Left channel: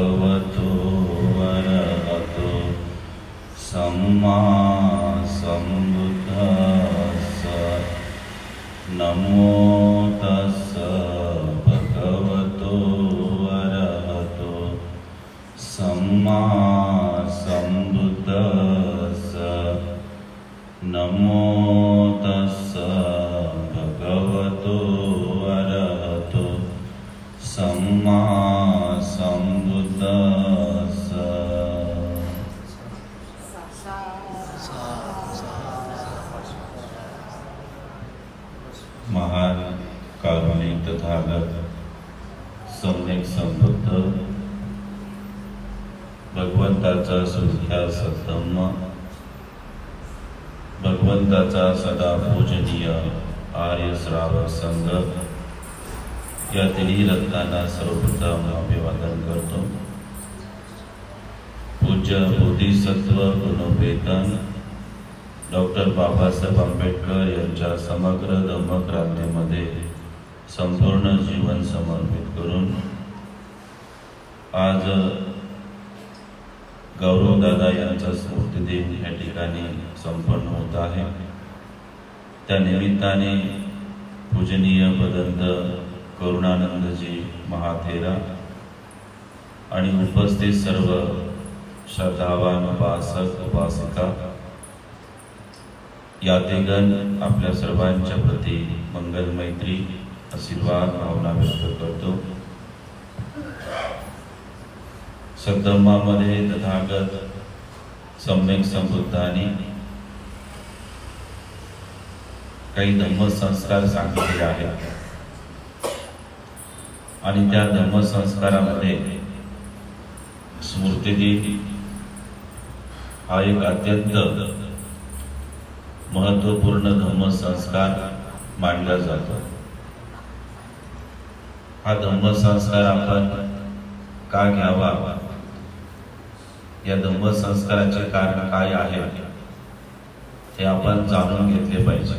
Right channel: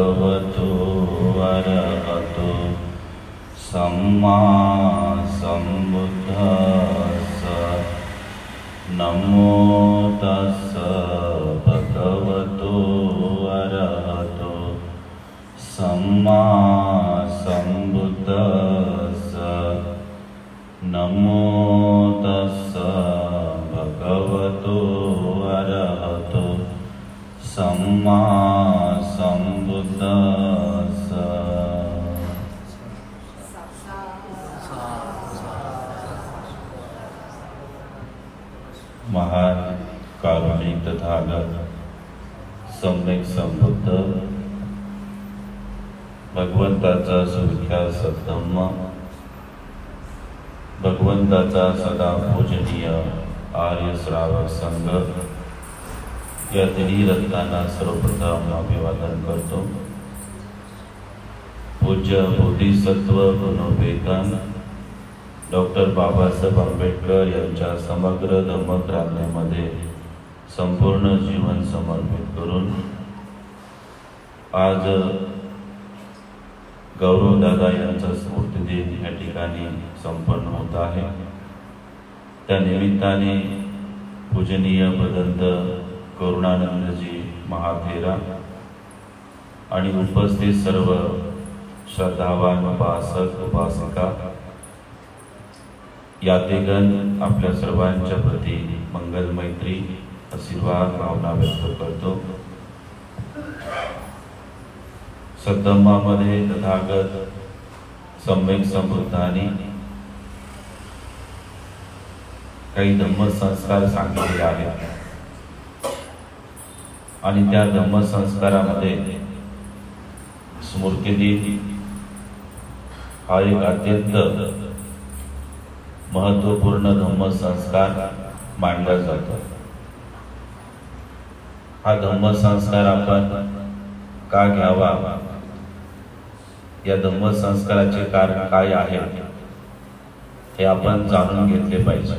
भगवतो अरहतो सम्मा सम्बुद्धस्स नमो तस्स भगवतो अरहतो सम्मा सम्बुद्धस्स नमो तस्स भगवतो अरहतो सम्मा सम्बुद्धस्स। महान कारुणिक तथागत सम्यक संबुद्ध भगवंताचा सुख्या सद्धम्म, भगवंताचा सदा पूजनीय आर्य श्रावक संघ या तिन्ही रत्नांना सर्वप्रथम अभिवादन करतो। पूज्य बोधिसत्व गुणोपेतन डॉक्टर बाबासाहेब आंबेडकर यांच्या समग्र धम्मक्रांतीमध्ये संपूर्ण जीवन समर्पित करून आज गौरवदादा यांचा स्मृतिदिन या ठिकाणी संपन्न होत आहे। त्या निमित्ताने पूजनीय भदंत करुणानंदजी महाथेरा आणि उपस्थित सर्व श्रद्धावान उपासक उपासिका यातेगण आपल्या सर्वांच्या प्रती मंगल मैत्री आशीर्वाद भावना व्यक्त करतो। सद्धम्मामध्ये तथागत सम्यक संबुद्धांनी काही धम्मसंस्कार सांगितले आहेत आणि त्या धम्मसंस्कारामध्ये स्मृतिदिन हा एक अत्यंत महत्वपूर्ण धम्मसंस्कार मानला जातो। हा धम्मसंस्कार आपण का घ्यावा, या धम्मसंस्काराचे कारण काय आहे हे आपण जाणून घेतले पाहिजे।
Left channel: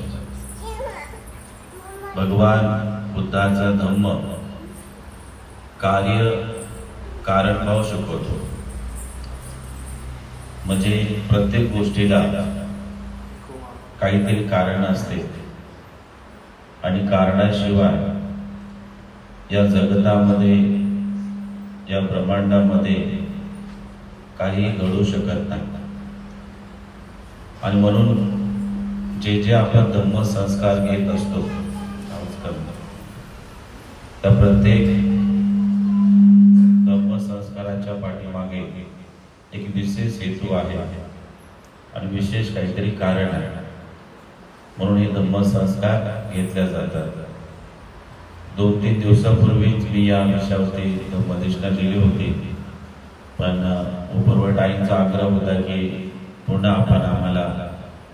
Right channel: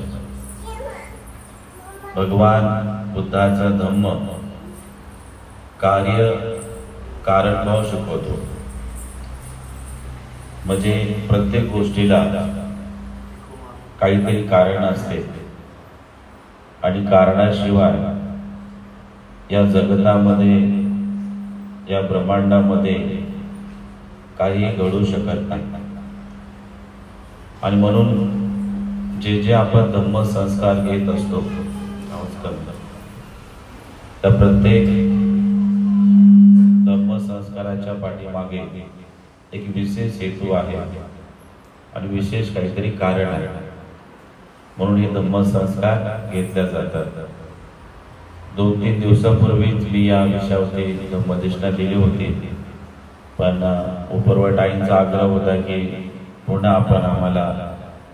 भगवान बुद्धाचा धम्म कार्य कारणभाव शिकवतो, म्हणजे प्रत्येक गोष्टीला काहीतरी कारण असते आणि कारणाशिवाय या जगतामध्ये या ब्रह्मांडामध्ये काही घडू शकत नाही। आणि म्हणून जे जे आपण धम्मसंस्कार घेत असतो त्या प्रत्येक धम्मसंस्काराच्या पाठीमागे एक विशेष हेतू आहे आणि विशेष काहीतरी कारण आहे, म्हणून हे धम्मसंस्कार घेतल्या जातात। 2-3 दिवसापूर्वीच मी या विषयावरती धम्मदेशना लिहिली होती, पण उपरवटाईंचा आग्रह होता की पुन्हा आपण आम्हाला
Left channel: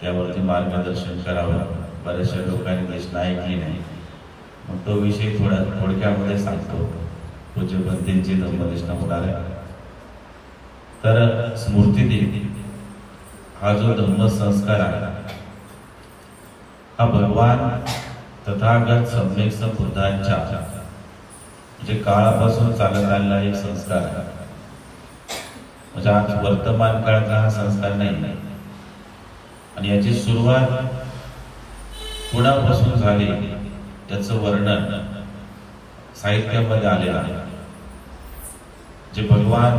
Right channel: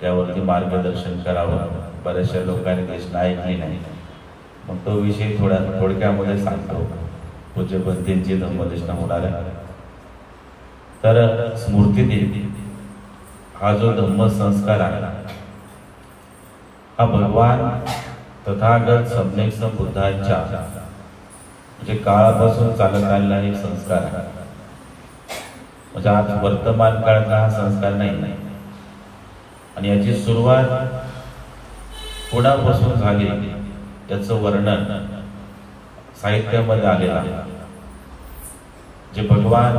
त्यावरती मार्गदर्शन करावं। बऱ्याचशा लोकांनी देशना ऐकली नाही, मग तो विषय थोडक्यामध्ये सांगतो। पूज्य पंथींची धम्मदेशना होणार आहे। तर स्मृतिदिन हा जो धम्मसंस्कार आहे हा भगवान तथागत सम्यक संबुद्धांच्या म्हणजे काळापासून चालत आलेला एक संस्कार आहे। म्हणजे आज वर्तमान काळातला हा संस्कार नाही आणि याची सुरुवात कोणापासून झाली याचं वर्णन साहित्यामध्ये आलेलं आहे। जे भगवान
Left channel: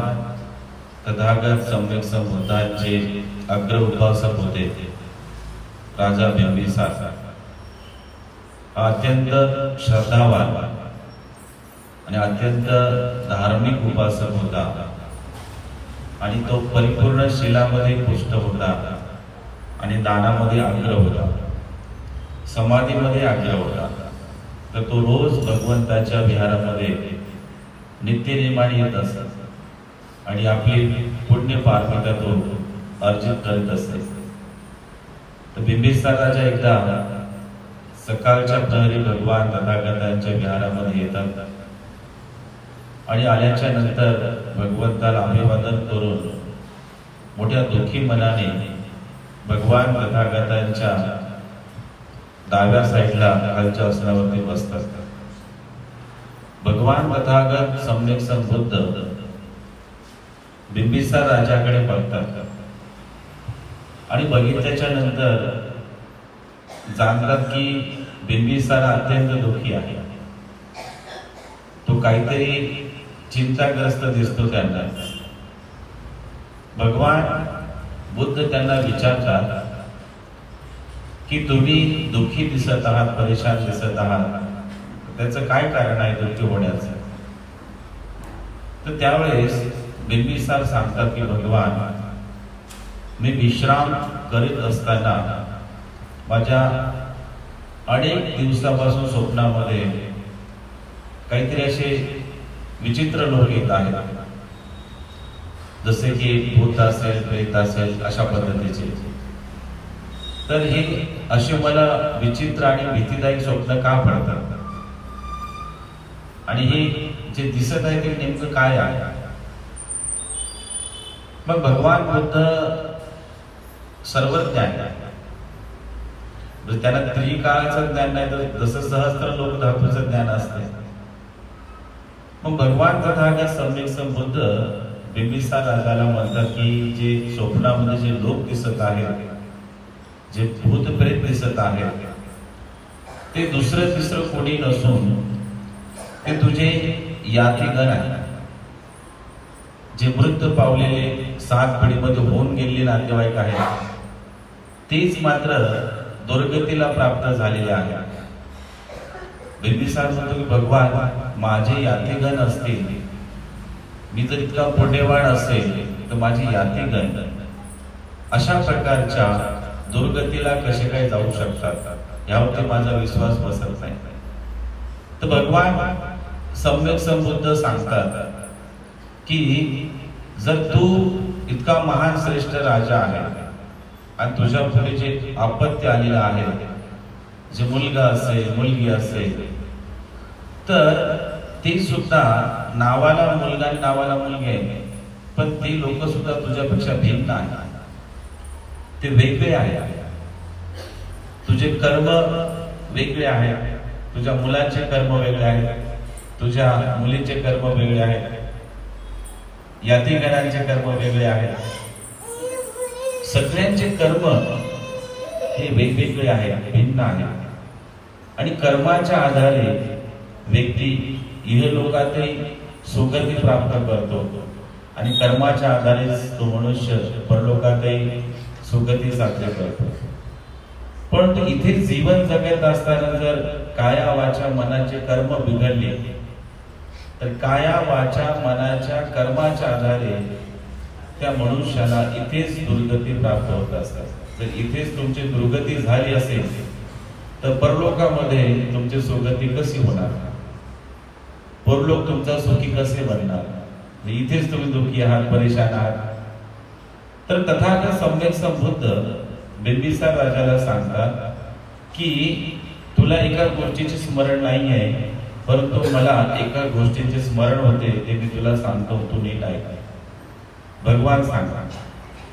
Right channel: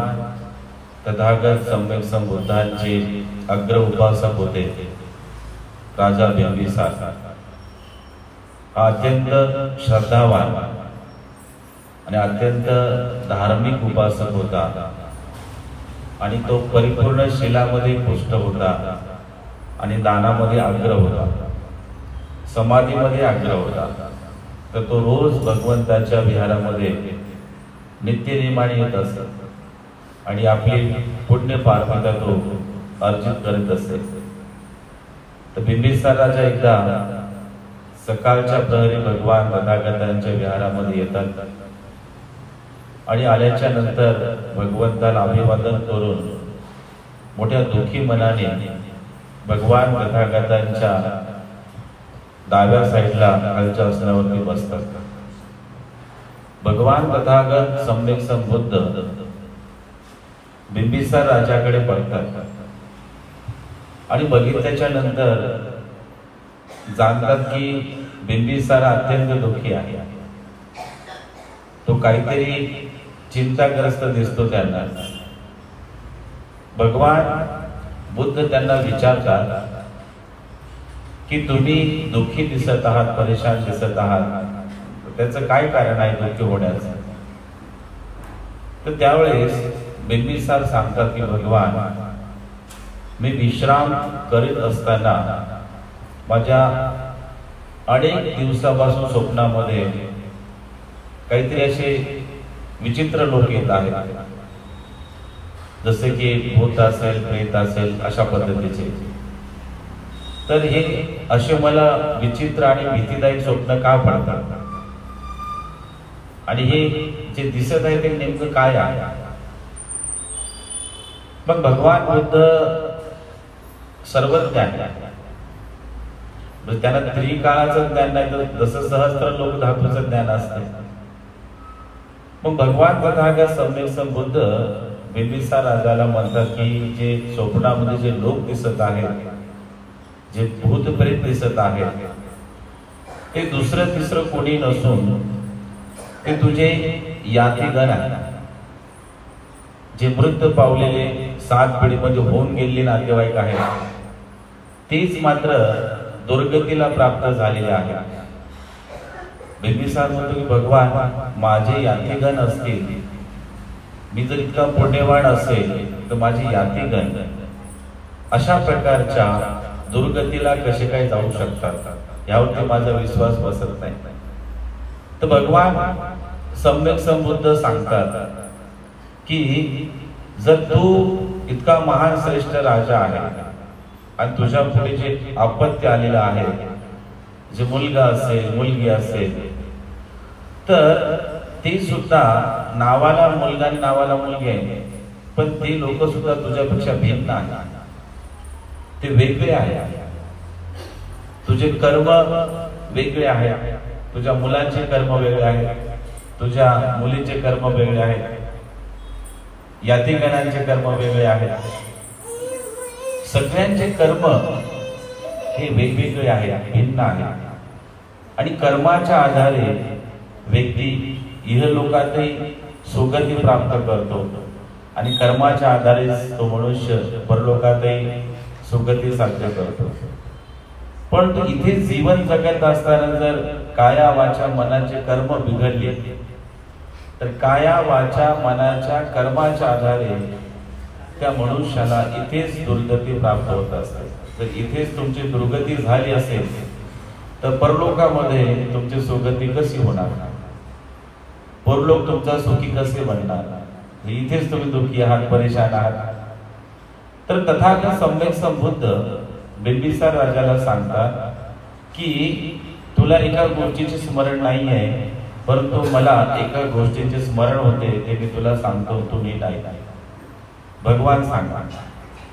तथागत सम्यक संबुद्धांचे अग्र उपासक होते राजा बिंबिसार, अत्यंत श्रद्धावान आणि अत्यंत धार्मिक उपासक होता आणि तो परिपूर्ण शीलामध्ये पुष्ट होता आणि दानामध्ये अग्र होता, समाधीमध्ये अग्र होता। तर तो रोज भगवंताच्या विहारामध्ये नित्यनेमाने येत असत आणि आपली पुण्य पारमिता तो अर्जित करत असत। तर बिंबिसाराच्या एकदा सकाळच्या प्रहरी भगवान तथागतांच्या विहारामध्ये येतात आणि आल्याच्या नंतर भगवंताला अभिवादन करून मोठ्या दुःखी मनाने भगवान तथागतांच्या डाव्या साईडला खालच्या आसनावरती बसतात। भगवान तथागत सम्यक संबुद्ध बिंबिसार राजाकडे बघतात आणि बघितल्याच्या नंतर जाणतात की बिंबिसार अत्यंत दुःखी आहे. तो काहीतरी चिंताग्रस्त दिसतो त्यांना. भगवान बुद्ध त्यांना विचारतात की तुम्ही दुःखी दिसत आहात, परेशान दिसत आहात, त्याचं काय कारण आहे दुःखी होण्याचं? तर त्यावेळेस बिंबिसार सांगतात की भगवान, मी विश्राम करीत असताना माझ्या अनेक दिवसापासून स्वप्नामध्ये काहीतरी असे विचित्र लोक येत आहेत, जसे की भूत असेल, प्रेत असेल, अशा पद्धतीचे. तर हे असे मला विचित्र आणि भीतीदायक स्वप्न का पडतात आणि हे जे दिसत आहे ते नेमकं काय आहे? मग भगवान बुद्ध सर्वज्ञ आहे, त्यांना त्रिकाळाचं ज्ञान नाही तर जसं सहस्त्र लोक धातूचं ज्ञान असते. मग भगवान तथागत सम्यक संबुद्ध बिंबिसार राजाला म्हणतात की जे स्वप्नामध्ये जे लोक दिसत आहेत, जे भूत प्रेत दिसत आहेत, ते दुसरं तिसरं कोणी नसून ते तुझे यातीगण आहे, जे मृत पावलेले 7 पिढीमध्ये होऊन गेलेले नातेवाईक आहेत, तेच मात्र दुर्गतीला प्राप्त झालेले आहेत. बिंबिसार म्हणतो की भगवान, माझे यातीगण असतील, मी जर इतका पुण्यवान असेल तर माझे यातीगण अशा प्रकारच्या दुर्गतीला कसे काय जाऊ शकतात, यावरती माझा विश्वास बसत नाही. तर भगवान सम्यक संबुद्ध सांगतात की जर तू इतका महान श्रेष्ठ राजा आहे आणि तुझ्या पुढे जे आपत्य आलेलं आहे, जे मुलगा असेल, मुलगी असेल, तर ते सुद्धा नावाला मुलगा आणि नावाला मुलगी आहे, पण ते लोक सुद्धा तुझ्यापेक्षा भिन्न आहेत, ते वेगळे आहेत. तुझे कर्म वेगळे आहेत, तुझ्या मुलाचे कर्म वेगळे आहेत, तुझ्या मुलीचे कर्म वेगळे आहेत, यातीगणांचे कर्म वेगळे आहेत. सगळ्यांचे कर्म हे वेगवेगळे आहेत, भिन्न आहेत. आणि कर्माच्या आधारे व्यक्ती इहलोकातही सुगती प्राप्त करतो आणि कर्माच्या आधारे तो मनुष्य परलोकातही सुगती साध्य करतो. पण तो इथे जीवन जगत असताना जर काया वाचा मनाचे कर्म बिघडले तर काया वाचा मनाच्या कर्माच्या आधारे त्या मनुष्याला इथेच दुर्गती प्राप्त होत असते. जर इथेच तुमची दुर्गती झाली असेल तर परलोकामध्ये तुमची सुगती कशी होणार? परलोक तुमचा सुखी कसे बनणार? इथेच तुम्ही दुःखी आहात, परेशान आहात. तर तथागत सम्यक संबुद्ध बिंबिसार राजाला सांगतात की तुला एका गोष्टीचे स्मरण नाही आहे, परंतु मला एका गोष्टीचे स्मरण होते, ते मी तुला सांगतो, तू नीट ऐक. भगवान सांगतात.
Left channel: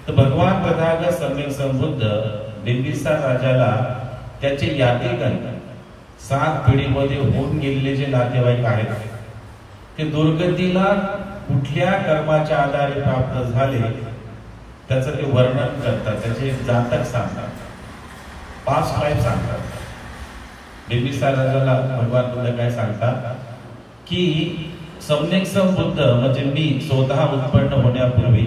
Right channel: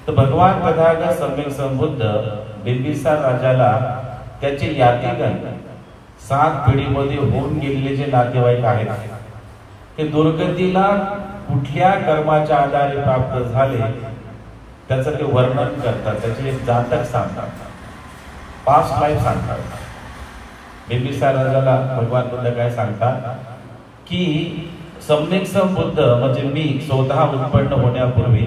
तर भगवान तथागत सम्यक संबुद्ध बिंबिसार राजाला त्याचे यातीगण 7 पिढीमध्ये होऊन गेलेले जे नातेवाईक आहेत ते दुर्गतीला कुठल्या कर्माच्या आधारे प्राप्त झाले त्याचं ते वर्णन करतात, त्याचे जातक सांगतात, पास्ट लाईफ सांगतात. बिंबिसार राजाला भगवान बुद्ध काय सांगतात की सम्यक संबुद्ध म्हणजे मी स्वतः उत्पन्न होण्यापूर्वी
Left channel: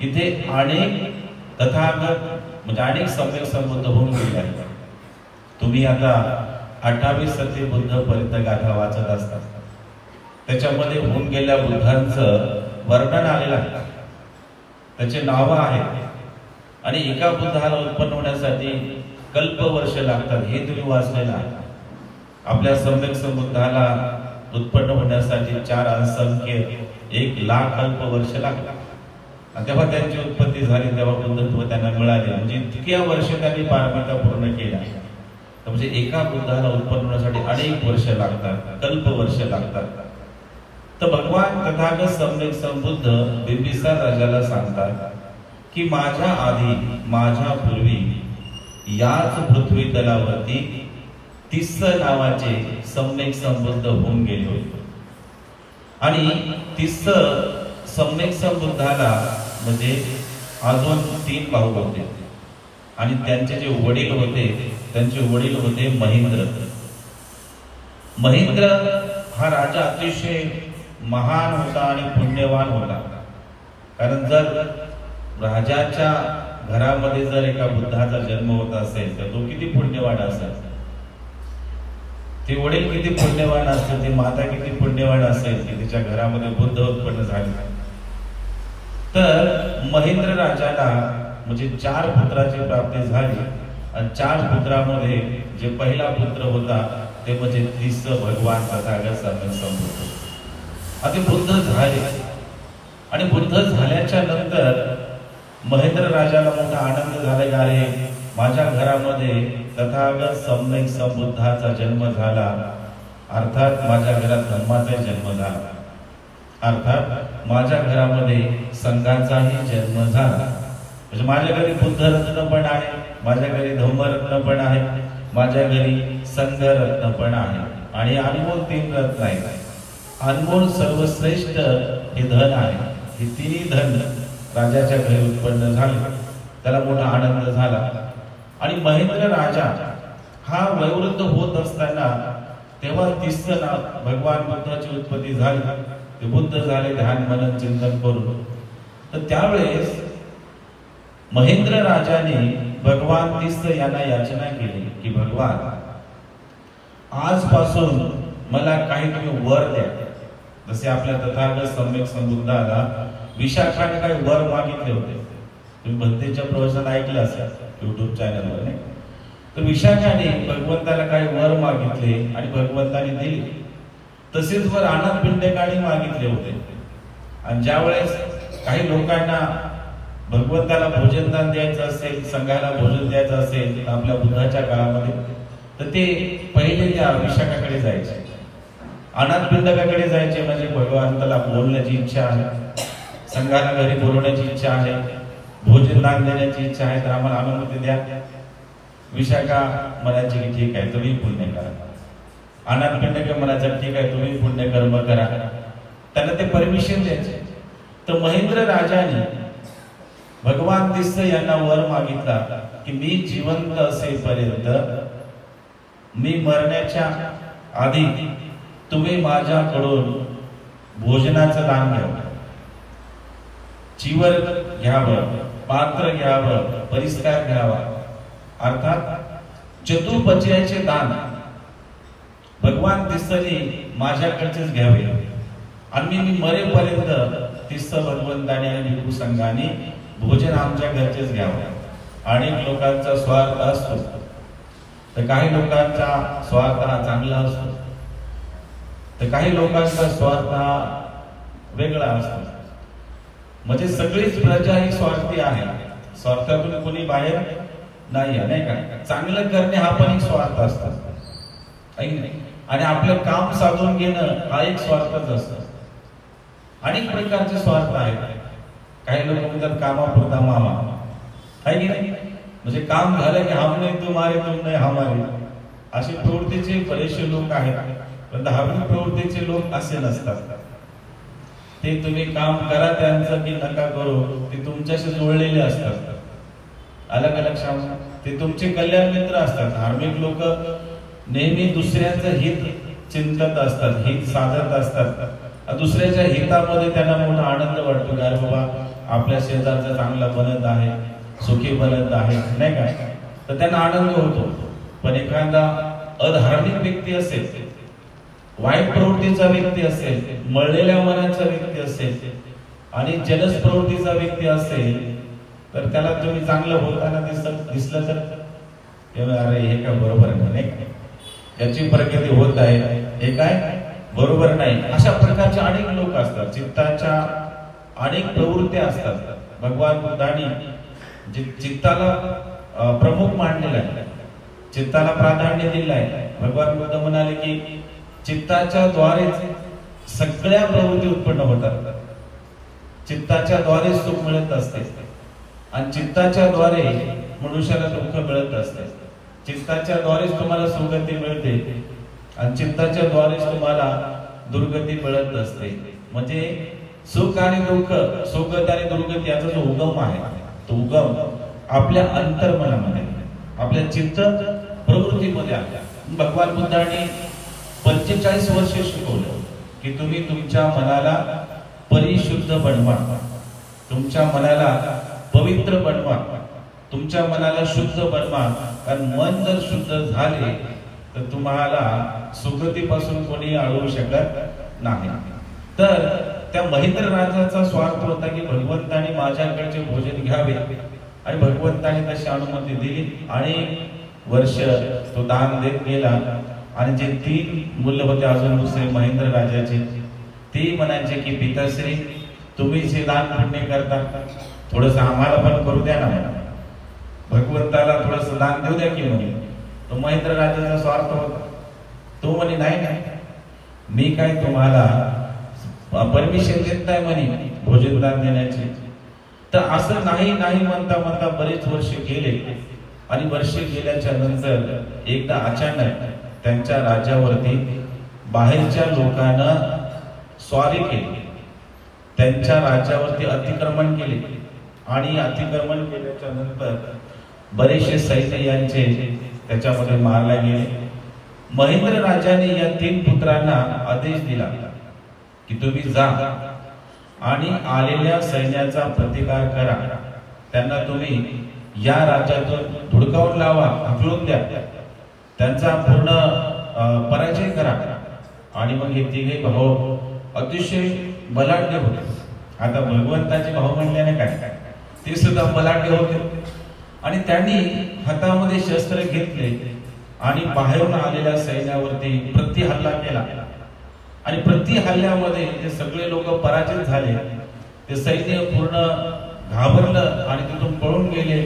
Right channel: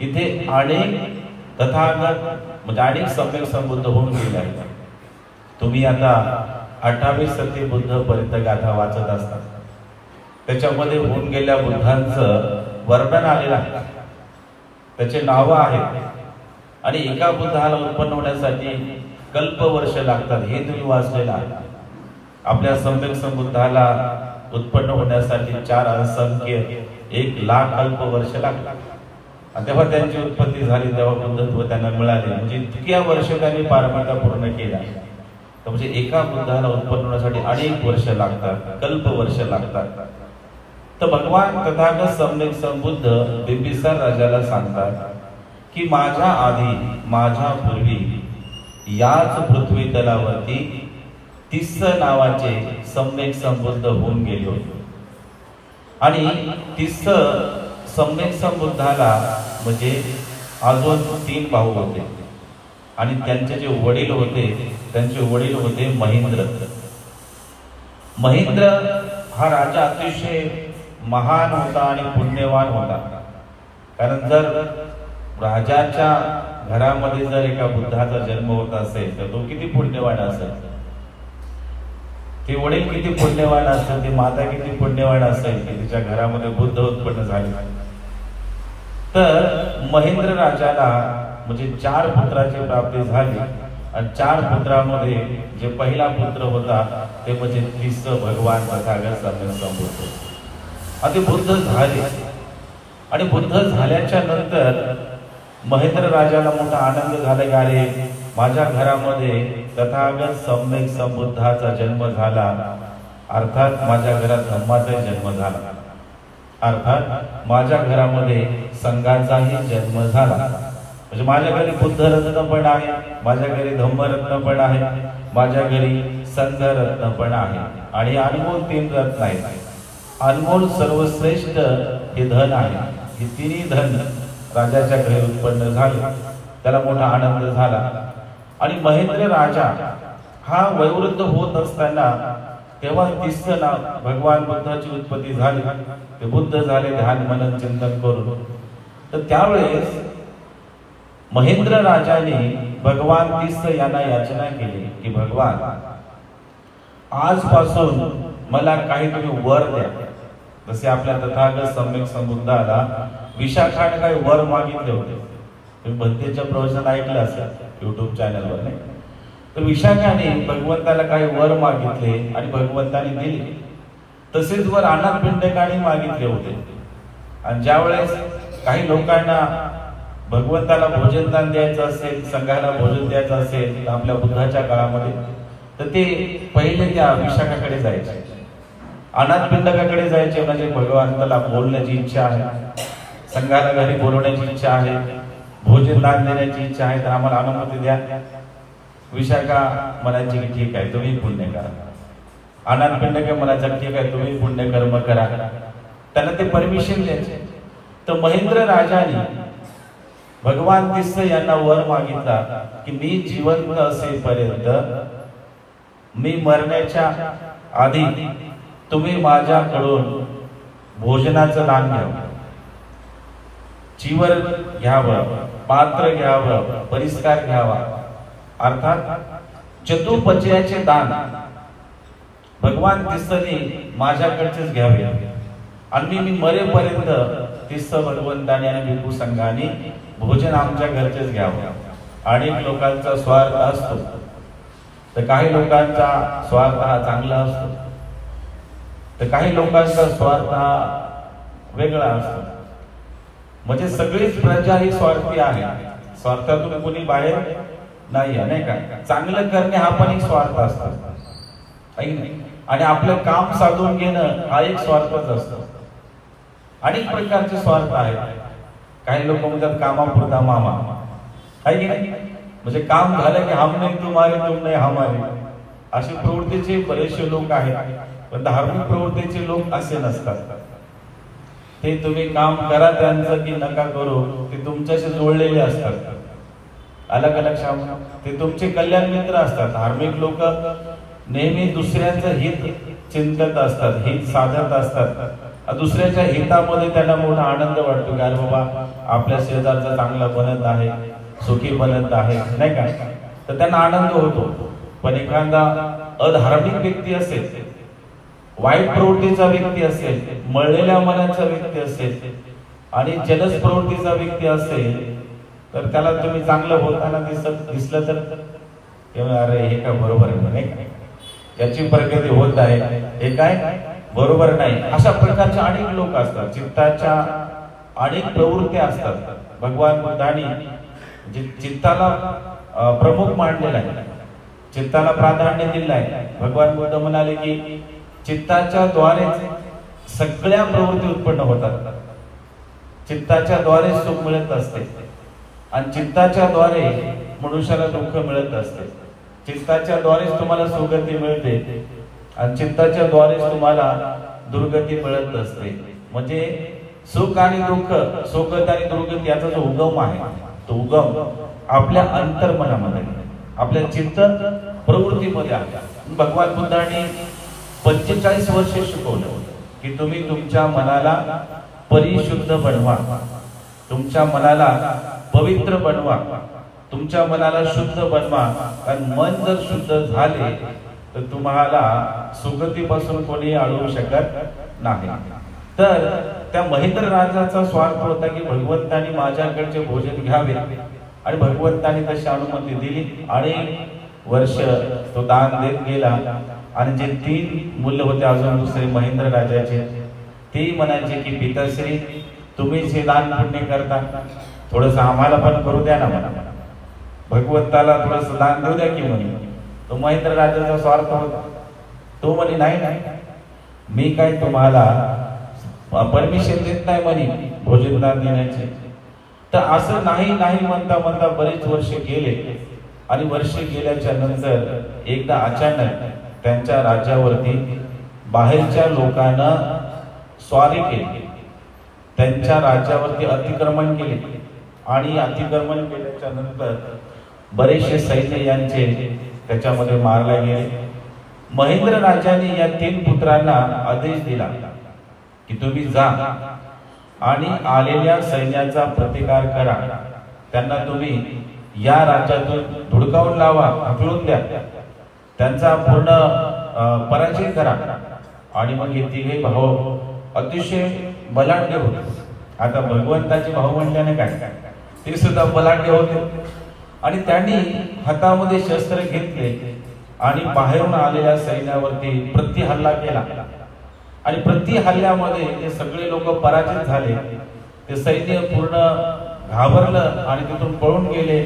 इथे अनेक तथागत म्हणजे अनेक सम्यक संबुद्ध होऊन गेले आहेत. तुम्ही आता 28 सत्य बुद्ध पर्यंत गाथा वाचत असतात, त्याच्यामध्ये होऊन गेल्या बुद्धांचं वर्णन आलेलं आहे, त्याचे नाव आहेत. आणि एका बुद्धाला उत्पन्न होण्यासाठी कल्पवर्ष लागतात, हे तुम्ही वाचलेलं आहे. आपल्या सम्यक संबुद्धाला उत्पन्न होण्यासाठी 4 असंख्य 1,00,000 कल्पवर्ष लागतात. आणि तेव्हा त्यांची उत्पत्ती झाली, तेव्हा बुद्धत्व त्यांना मिळाले. म्हणजे इतक्या वर्ष त्यांनी पारमिता पूर्ण केल्या. म्हणजे एका बुद्धाला उत्पन्न होण्यासाठी अनेक वर्ष लागतात, कल्पवर्ष लागतात. तर भगवान तथागत सम्यक संबुद्ध बिंबिसार राजाला सांगतात की माझ्या आधी, माझ्या पूर्वी याच पृथ्वी तलावरती तिस्स नावाचे सम्यक संबुद्ध होऊन गेले होते. आणि तिस्स सम्यक संबुद्धाला म्हणजे अजून 3 भाऊ होते आणि त्यांचे जे वडील होते त्यांचे वडील होते महेंद्र. महेंद्र हा राजा अतिशय महान होता आणि पुण्यवान होता. कारण जर राजाच्या घरामध्ये जर एका बुद्धाचा जन्म होत असेल तर तो किती पुण्यवान असेल, ते वडील किती पुण्यवान असेल, ती माता किती पुण्यवान असेल की तिच्या घरामध्ये बुद्ध उत्पन्न झाले. तर महेंद्र राजाला म्हणजे 4 पुत्राची प्राप्ती झाली आणि 4 पुत्रामध्ये जे पहिला पुत्र होता ते म्हणजे तिसरं भगवान तथागत सम्यक संबुद्ध. ते बुद्ध झाले आणि बुद्ध झाल्याच्या नंतर महेंद्र राजाला मोठा आनंद झाला, अरे माझ्या घरामध्ये तथागत सम्यक संबुद्धाचा जन्म झाला, अर्थात माझ्या घरात धम्माचा जन्म झाला, अर्थात माझ्या घरामध्ये संघाचाही जन्म झाला. म्हणजे माझ्या घरी बुद्ध रत्न पण आहे, माझ्या घरी धम्मरत्न पण आहे, माझ्या घरी संघ रत्न पण आहे आणि अनमोल 3 रत्न आहेत. अनमोल सर्वश्रेष्ठ हे धन आहे. हे 3ही धन राजाच्या घरी उत्पन्न झाले. त्याला मोठा आनंद झाला आणि महेंद्र राजा हा वयोवृद्ध होत असताना तेव्हा तिसरं नाव भगवान बुद्धाची उत्पत्ती झाली. ते बुद्ध झाले ध्यान मनन चिंतन करून. तर त्यावेळेस महेंद्र राजाने भगवान तिसर यांना याचना केली की भगवान आजपासून मला काही तुम्ही वर द्या. जसे आपल्या तथागत सम्यक संबुद्धाला विशाखाने काही वर मागितले होते. तुम्ही भक्तीच्या प्रवचन ऐकलं असेल युट्यूब चॅनलवर, नाही? तर विशाखाने भगवंताला काही वर मागितले आणि भगवंताने दिले. तसेच वर अनाथ पिंडकाने मागितले होते. आणि ज्या वेळेस काही लोकांना भगवंताला भोजनदान द्यायचं असेल, संघाला भोजन द्यायचं असेल आपल्या बुद्धाच्या काळामध्ये, तर ते पहिले त्या विशाखाकडे जायचे, अनाथ पिंडकाकडे जायचे. म्हणजे भगवंताला बोलण्याची इच्छा आहे, संघाला घरी बोलवण्याची इच्छा आहे, भोजनदान देण्याची इच्छा आहे, तर आम्हाला अनुमती द्या. विशाखा म्हणायची की ठीक आहे तुम्ही पुण्य करा. अनाथ पिंडक म्हणायचं ठीक आहे तुम्ही पुण्य कर्म करा. त्यांना ते परमिशन द्यायचे. तर महेंद्र राजाने भगवान तिसर यांना वर मागितला की मी जिवंत असेपर्यंत, मी मरण्याच्या आधी तुम्ही माझ्याकडून भोजनाचं दान घ्यावं, चिवर घ्यावं, पात्र घ्यावं, परिस्कार घ्यावा, अर्थात चतुर्पचयाचे दान भगवान तिसरी माझ्याकडचेच घ्यावे. आणि मी मरेपर्यंत तिसर भगवंताने आणि भिक्खू संघाने भोजन आमच्या घरचेच घ्यावं. अनेक लोकांचा स्वार्थ असतो, तर काही लोकांचा स्वार्थ हा चांगला असतो, तर काही लोकांचा स्वार्थ हा वेगळा असतो. म्हणजे सगळीच प्रजा ही स्वार्थी आहे, स्वार्थातून कोणी बाहेर नाही आहे, नाही का? चांगलं करणे हा पण एक स्वार्थ असतो, आणि आपलं काम साधून घेणं हा एक स्वार्थच असतो. अनेक प्रकारचे स्वार्थ आहेत. काही लोक म्हणतात कामापुरता मामा, आहे की नाही? म्हणजे काम झालं की हम नाही तुम्हारे, तुम नाही हमारे, अशी प्रवृत्तीचे बरेचसे लोक आहेत. पण धार्मिक प्रवृत्तीचे लोक असे नसतात. ते तुम्ही काम करा त्यांचं की नका करू, ते तुमच्याशी जोडलेले असतात. अलग अलग लक्षात, ते तुमचे कल्याण मित्र असतात. धार्मिक लोक नेहमी दुसऱ्यांचं हित चिंतत असतात, हित साधत असतात. दुसऱ्याच्या हितामध्ये त्यांना मोठा आनंद वाटतो, अरे बाबा आपल्या शेजारचा चांगला बनत आहे, सुखी बनत आहे, नाही का? तर त्यांना आनंद होतो. पण एखादा अधार्मिक व्यक्ती असेल, वाईट प्रवृत्तीचा व्यक्ती असेल, मळलेल्या मनाचा व्यक्ती असेल आणि जलस प्रवृत्तीचा व्यक्ती असेल, तर त्याला तुम्ही चांगलं बोलताना दिसलं तर अरे हे काय बरोबर नाही, याची प्रगती होत आहे, हे काय बरोबर नाही. अशा प्रकारचे अनेक लोक असतात. चित्ताच्या अनेक प्रवृत्ती असतात. भगवान बुद्धांनी चित्ताला प्रमुख मानलेला आहे, चित्ताला प्राधान्य दिलेलं आहे. भगवान बुद्ध म्हणाले की चित्ताच्या द्वारेच सगळ्या प्रवृत्ती उत्पन्न होतात. चित्ताच्या द्वारे सुख मिळत असते आणि चित्ताच्या द्वारे मनुष्याला दुःख मिळत असते. चित्ताच्या द्वारेच तुम्हाला सुगती मिळते आणि चित्ताच्या द्वारेच तुम्हाला दुर्गती मिळत असते. म्हणजे सुख आणि दुःख, सुखद आणि दुर्गत याचा जो उगम आहे, तो उगम आपल्या अंतर्मनामध्ये, आपल्या चित्त प्रवृत्तीमध्ये आहे. भगवान बुद्धांनी 45 वर्ष शिकवलं की तुम्ही तुमच्या मनाला परिशुद्ध बनवा, तुमच्या मनाला पवित्र बनवा, तुमच्या मनाला शुद्ध बनवा. कारण मन जर शुद्ध झाले तर तुम्हाला सुगतीपासून कोणी अडवू शकत नाही. तर त्या महेंद्र राजाचा स्वार्थ होता की भगवंतानी माझ्याकडचे भोजन घ्यावे, आणि भगवंतानी तशी अनुमती दिली. आणि वर्ष तो दान देत गेला. आणि जे 3 मुलं होते अजून दुसरे महेंद्र राजाचे, ते म्हणायचे की पिताश्री तुम्हीच हे दान पुण्य करता, थोडस आम्हाला पण करू द्या ना, म्हणा भगवंताला थोडस दान देऊ द्या की म्हणे. तो महेंद्र राजाचा स्वार्थ होता. तो म्हणे नाही नाही, मी काय तुम्हाला परमिशन देत नाही म्हणे भोजन दान देण्याचे. तर असं नाही नाही म्हणता म्हणता बरेच वर्ष गेले. आणि वर्ष गेल्याच्या नंतर एकदा अचानक त्यांच्या राज्यावरती बाहेरच्या लोकांना स्वारी केली, त्यांच्या राज्यावरती अतिक्रमण केले. आणि अतिक्रमण केल्याच्या नंतर बरेचसे सैन्य यांचे त्याच्यामध्ये मारले गेले. महेंद्र राजाने या 3 पुत्रांना आदेश दिला की तुम्ही जा आणि आलेल्या सैन्याचा प्रतिकार करा, त्यांना तुम्ही या राज्यातून धुडकावून लावा, हकलून द्या, त्यांचा पूर्ण पराजय करा. आणि मग हे 3 भाऊ अतिशय बलाढ्य होते. आता भगवंताचे भाऊ म्हणल्याने काय, ते सुद्धा बलाढ्य होते. आणि त्यांनी हातामध्ये शस्त्र घेतले आणि बाहेरून आलेल्या सैन्यावरती प्रतिहल्ला केला. आणि प्रतिहल्ल्यामध्ये ते सगळे लोक पराजित झाले. ते सैन्य पूर्ण घाबरलं आणि तिथून पळून गेले.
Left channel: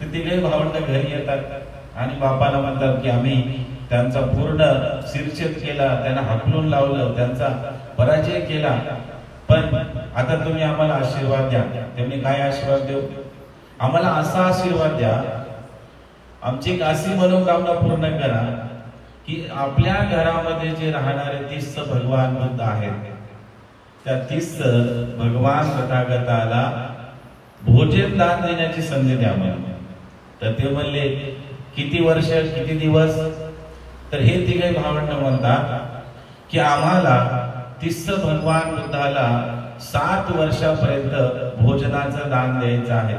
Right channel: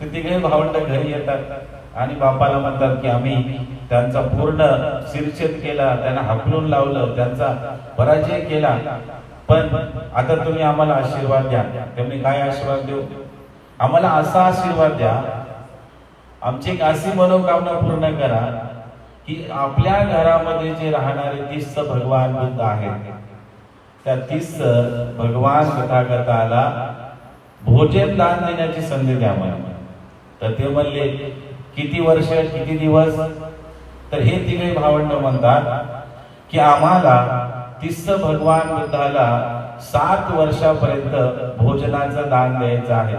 ते 3 भावंड घरी येतात आणि बापाला म्हणतात की आम्ही त्यांचा पूर्ण शिरछेद केला, त्यांना हाकलून लावलं, त्यांचा पराजय केला, पण आता तुम्ही आम्हाला आशीर्वाद द्या. त्यांनी काय आशीर्वाद देऊ, आम्हाला असा आशीर्वाद द्या, आमची एक अशी मनोकामना पूर्ण करा की आपल्या घरामध्ये जे राहणारे 30 भगवान बुद्ध आहेत, त्या 30 भगवान तथागताला भोजन दान देण्याची संधी द्या मला. तर ते म्हणले किती वर्ष, किती दिवस. तर हे 3 भावंड म्हणतात की आम्हाला 30 भगवान बुद्धाला 7 वर्षापर्यंत भोजनाचं दान द्यायचं आहे.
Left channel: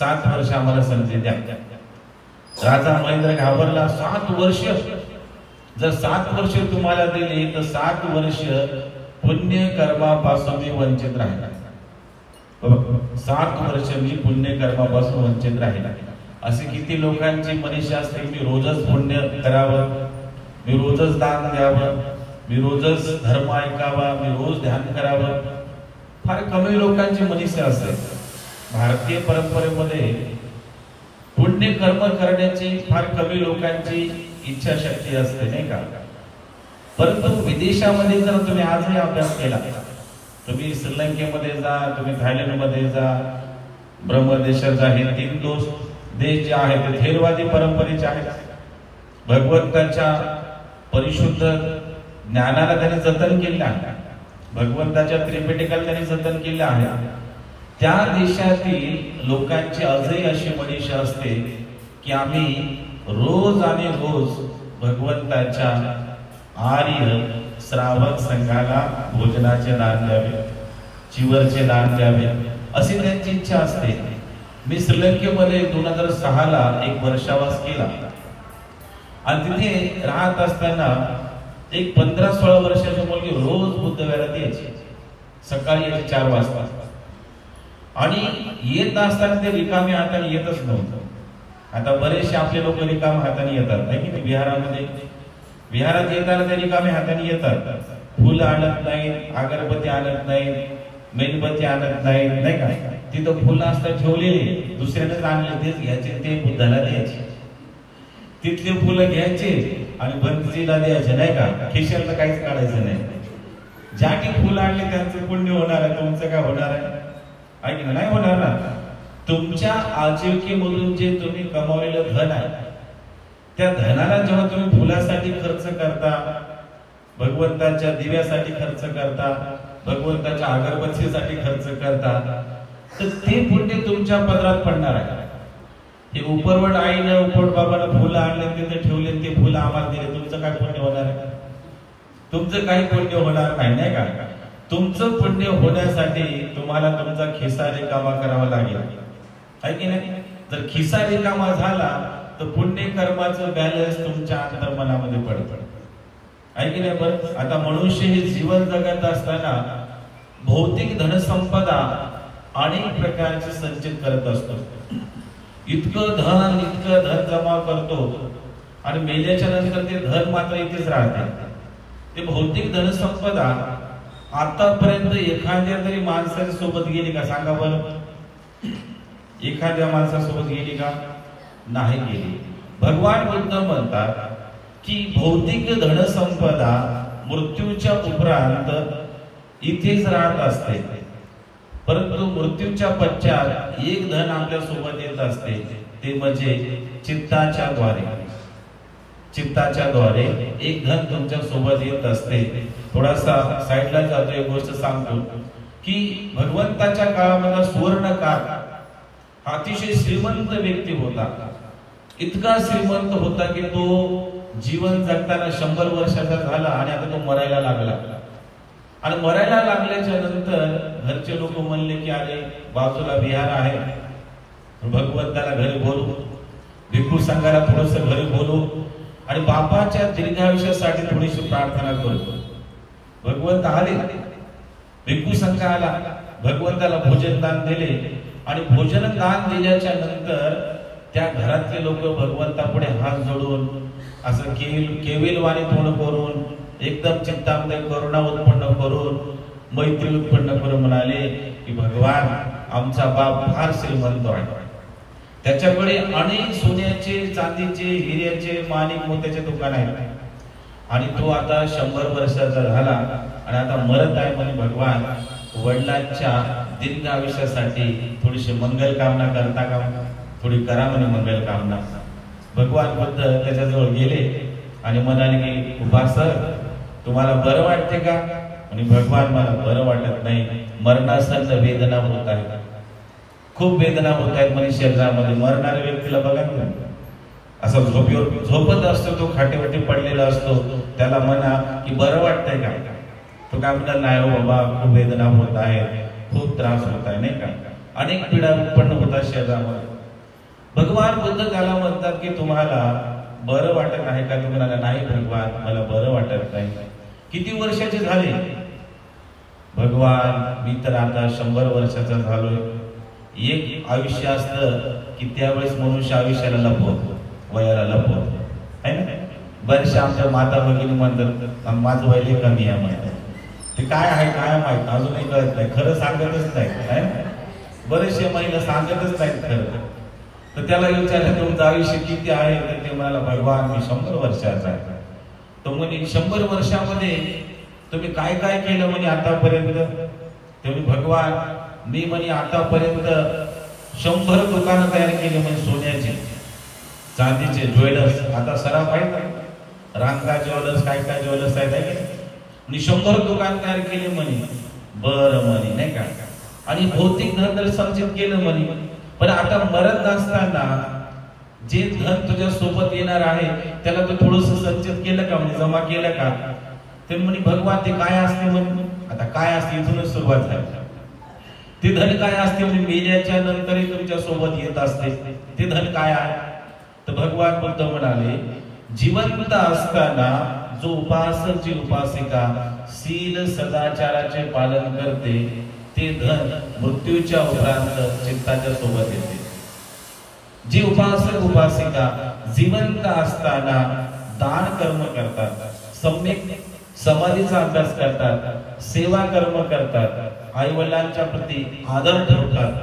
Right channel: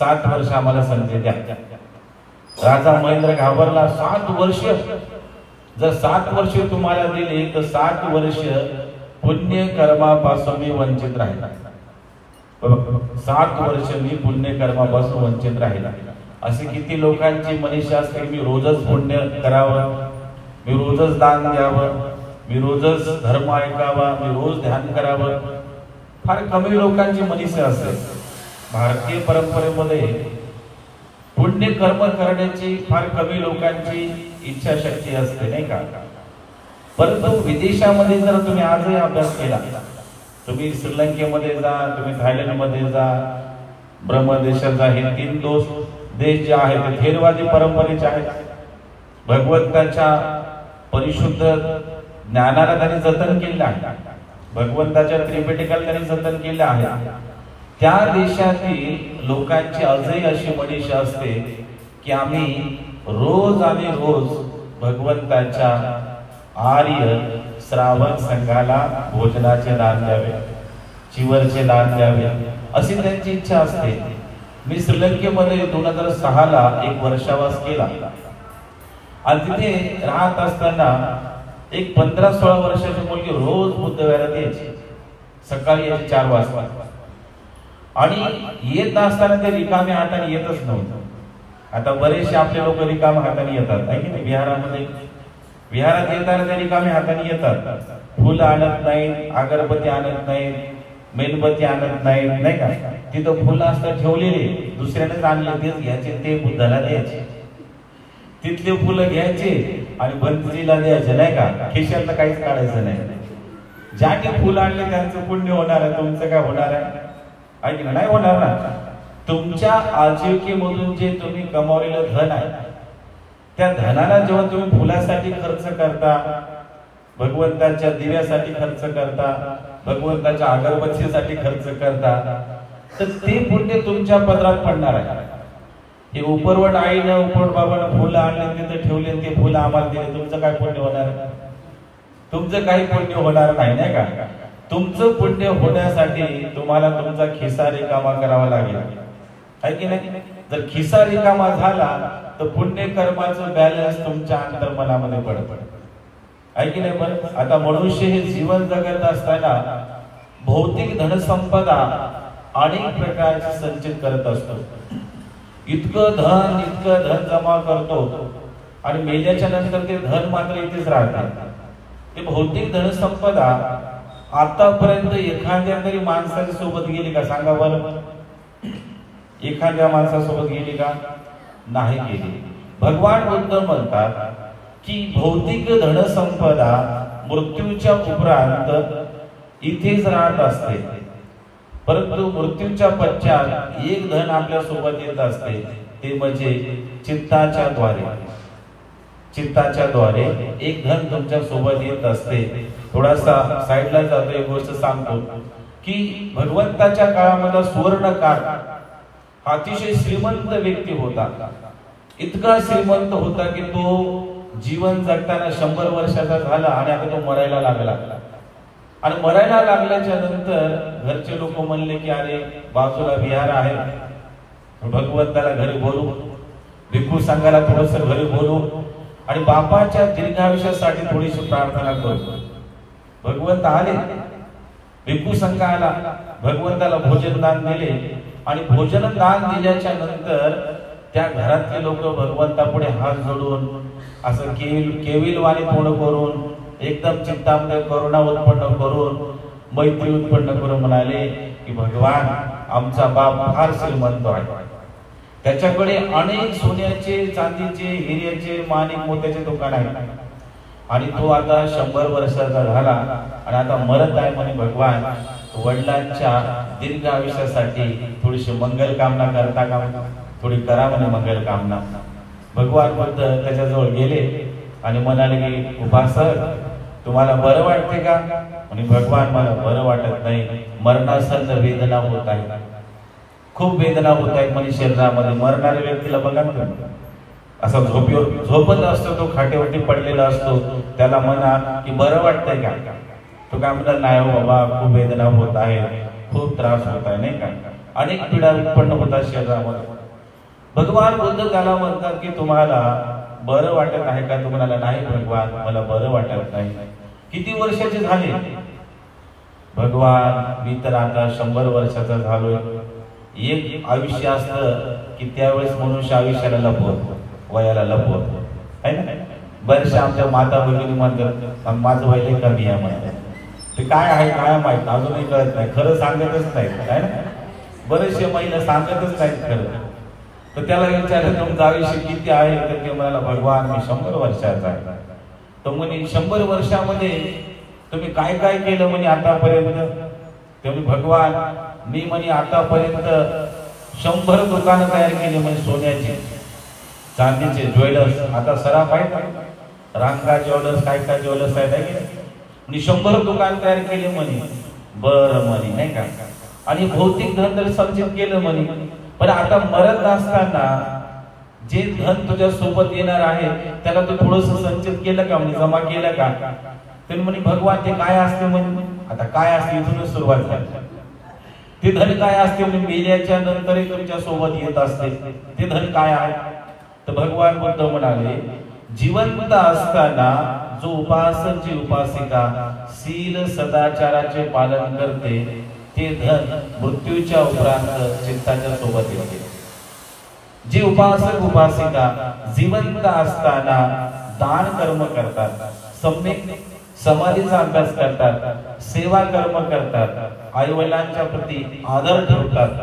7 वर्ष आम्हाला संधी द्या. राजा महेंद्र घाबरला. 7 वर्ष, जर 7 वर्ष तुम्हाला दिले तर 7 वर्ष पुण्य कर्मापासून मी वंचित राहिला. 7 वर्ष मी पुण्य कर्मापासून वंचित राहिला. असे किती लोकांची मनीषा असते, मी रोजच पुण्य करावं, मी रोजच दान द्यावं, मी रोजच धर्म ऐकावा, मी रोज ध्यान करावं. फार कमी लोकांची मनीषा असते. भारतीय परंपरेमध्ये पुण्य कर्म करण्याची फार कमी लोकांची इच्छाशक्ती असते, नाही का. परंतु विदेशामध्ये जर तुम्ही आजही अभ्यास केला, तुम्ही श्रीलंकेमध्ये जा, तुम्ही थायलंडमध्ये जा, ब्रह्मदेशात जा, हे 3 देश जे आहेत ते थेरवादी परंपरेचे आहेत. भगवंताच्या परिशुद्ध ज्ञानाला त्यांनी जतन केले आहे, भगवंताच्या त्रिपिटकाला त्यांनी जतन केले आहे. त्या देशातील लोकांची आजही अशी मनीषा असते की आम्ही रोज आणि रोज भगवंताच्या आर्य श्रावक संघाला भोजनाचे दान द्यावे, चिवरचे दान द्यावे, अशी त्यांची इच्छा असते. मी श्रीलंकेमध्ये 2006 एक वर्षावास केला. आणि तिथे राहत असताना एक 15-16 वर्षाची मुलगी रोज बुद्धविहारात यायची, सकाळी यायची 4 वाजता. आणि येत असताना ते रिकाम्या हाताने येतच नव्हतं. आता बरेचसे आपले लोक रिकाम्या हाताने येतात, आहे की नाही. विहारात येताना ते रिकाम्या हाताने येतात, फुलं आणत नाहीत, अगरबत्ती आणत नाहीत, मेणबत्ती आणत नाहीत, नाही का. तिथं फुलं असतात ठेवलेले, दुसऱ्यानेच आणले तेच घ्यायचे, ते बुद्धाला द्यायचे. तिथले फुलं घ्यायचे आणि बंदजीला द्यायचे, नाही का. खिशातलं काहीच काढायचं नाही. ज्याने फुलं आणले त्यांचं पुण्य होणार आहे, तुमचं काय होणार आहे, ऐक नाही होणार ना. तुमच्या आजीविकेमधून जे तुम्ही कमावलेलं धन आहे, त्या धनाला जेव्हा तुम्ही फुलासाठी खर्च करता, भगवंताच्या दिव्यासाठी खर्च करता, भगवंताच्या अगरबत्तीसाठी खर्च करता, तर ते पुण्य तुमच्या पदरात पडणार आहे. हे उपरवट आईनं उपरवट बाबानं फुलं आणले तिथे ठेवले, ते फुलं आम्हाला दिले, तुमचं काय पुण्य होणार आहे? तुमचं काही पुण्य होणार नाही, नाही का? तुमचं पुण्य होण्यासाठी तुम्हाला तुमचा खिसा रिकामा करावा लागेल, आहे की नाही? जर खिसा रिकामा झाला तर पुण्य कर्माचं बॅलन्स तुमच्या अंतर्मनामध्ये पडतं, आहे की नाही? पण आता मनुष्य हे जीवन जगत असताना भौतिक धनसंपदा अनेक प्रकारचे संचित करत असतो. इतकं धन जमा करतो आणि मेल्याच्या नंतर ते धन मात्र इथेच राहते. ते भौतिक धनसंपदा आतापर्यंत एखाद्या तरी माणसाच्या सोबत गेली का? सांगा बरं, एखाद्या माणसासोबत गेली का? नाही गेली. भगवान बुद्ध म्हणतात की भौतिक धनसंपदा मृत्यूच्या उपरांत इथेच राहत असते, परंतु मृत्यूच्या पश्चात एक धन आपल्या सोबत येत असते, ते म्हणजे चित्ताच्या द्वारे एक धन तुमच्या सोबत येत असते. थोडासा साईडला जातो, एक गोष्ट सांगतो की भगवंताच्या काळामध्ये सुवर्णकाळ अतिशय श्रीमंत व्यक्ती होता. इतका श्रीमंत होता की तो जीवन जगताना 100 वर्षाचा झाला आणि आता तो मरायला लागला. आणि मरायला लागल्याच्या नंतर घरचे लोक म्हणले की अरे बाजूला विहार आहे, भगवंताला घरी बोलू, भिक्खू संघाला थोडस घरी बोलू आणि बापाच्या दीर्घायुष्यासाठी थोडीशी प्रार्थना करू. भगवंत आले, भिक्खू संघ आला, भगवंताला भोजन दान दिले आणि भोजन दान दिल्याच्या नंतर त्या घरातले लोक भगवंतापुढे हात जोडून असं केविलवाणी तोंड करून एकदम चित्तामध्ये करुणा उत्पन्न करून मैत्री उत्पन्न करून म्हणाले की भगवान आमचा बाप फार श्रीमंत आहे, त्याच्याकडे अनेक सोन्याचे, चांदीचे, हिऱ्याचे, माणिक मोत्याचे दुकान आहे आणि तो आता 100 वर्षाचा झाला आणि आता मरत आहे. म्हणे भगवान वडिलांच्या दीर्घ आयुष्यासाठी थोडीशी मंगल कामना करता का? थोडी करा म्हणे मंगल कामना. भगवान बुद्ध त्याच्याजवळ गेले आणि म्हणाले की उपासक तुम्हाला बरं वाटते का? आणि भगवान मला बरं वाटत नाही, मरणासन्न वेदना होत आहे, खूप वेदना होत आहेत म्हणे शरीरामध्ये. मरणाऱ्या व्यक्तीला बघा ना, असा झोपत असतो, तो खाटेवरती पडलेला असतो, त्याला म्हणा की बरं वाटतंय का? तो काय म्हणतात, नाही हो बाबा खूप वेदना होत आहे, खूप त्रास होत आहे, नाही का? अनेक पीडा उत्पन्न होतात शरीरामध्ये. भगवान बुद्ध त्याला म्हणतात की तुम्हाला बरं वाटत आहे का? तुम्हाला नाही भगवान मला बरं वाटत नाही. किती वर्षाचे झाले? भगवान मी तर आता 100 वर्षाचा झालोय. एक आयुष्य असतं की त्यावेळेस मनुष्य आयुष्याला लपवतो, वयाला लपवतो, है ना? बरेचसे आमच्या माता भगिनी म्हणतात माझं वय कमी आहे म्हणतात. ते काय आहे काय माहित, अजूनही कळत नाही, खरं सांगतच नाही, है ना? बरेचसे महिला सांगतच नाहीत खरं. तर त्याला विचारलं तुमचं आयुष्य किती आहे? तर ते म्हणाला भगवान मी 100 वर्षाचा आहे. तर म्हणे 100 वर्षामध्ये तुम्ही काय काय केलं म्हणे आतापर्यंत? ते म्हणे भगवान मी म्हणे आतापर्यंत 100 दुकानं तयार केली, म्हणजे सोन्याचे, चांदीचे, ज्वेलर्स. आता सराफ आहे ना, रांका ज्वेलर्स, काय काय ज्वेलर्स आहेत की 100 दुकान तयार केले म्हणे. बरं म्हणे, नाही का? आणि भौतिक धन तर संचित केलं म्हणे. पण आता मरत असताना जे धन तुझ्या सोबत येणार आहे त्याला तू थोडस संचित केलं का? म्हणजे जमा केलं का? तर म्हणे भगवान ते काय असते म्हणे. आता काय असते इथूनच सुरुवात झाली. ते धन काय असते म्हणजे मेल्याच्या नंतरही तुमच्या सोबत येत असते. ते धन काय आहे? तर भगवान बुद्ध म्हणाले जिवंत असताना जो उपासक जी उपासिका शील सदाचाराचे पालन करते ते धन मृत्यूच्या उपरांत चित्ताच्या सोबत येते. जे उपासक उपासिका जिवंत असताना दान कर्म करतात, सम्यक समाधीचा अभ्यास करतात, सेवा कर्म करतात, आई वडिलांच्या प्रती आदर ठेवतात,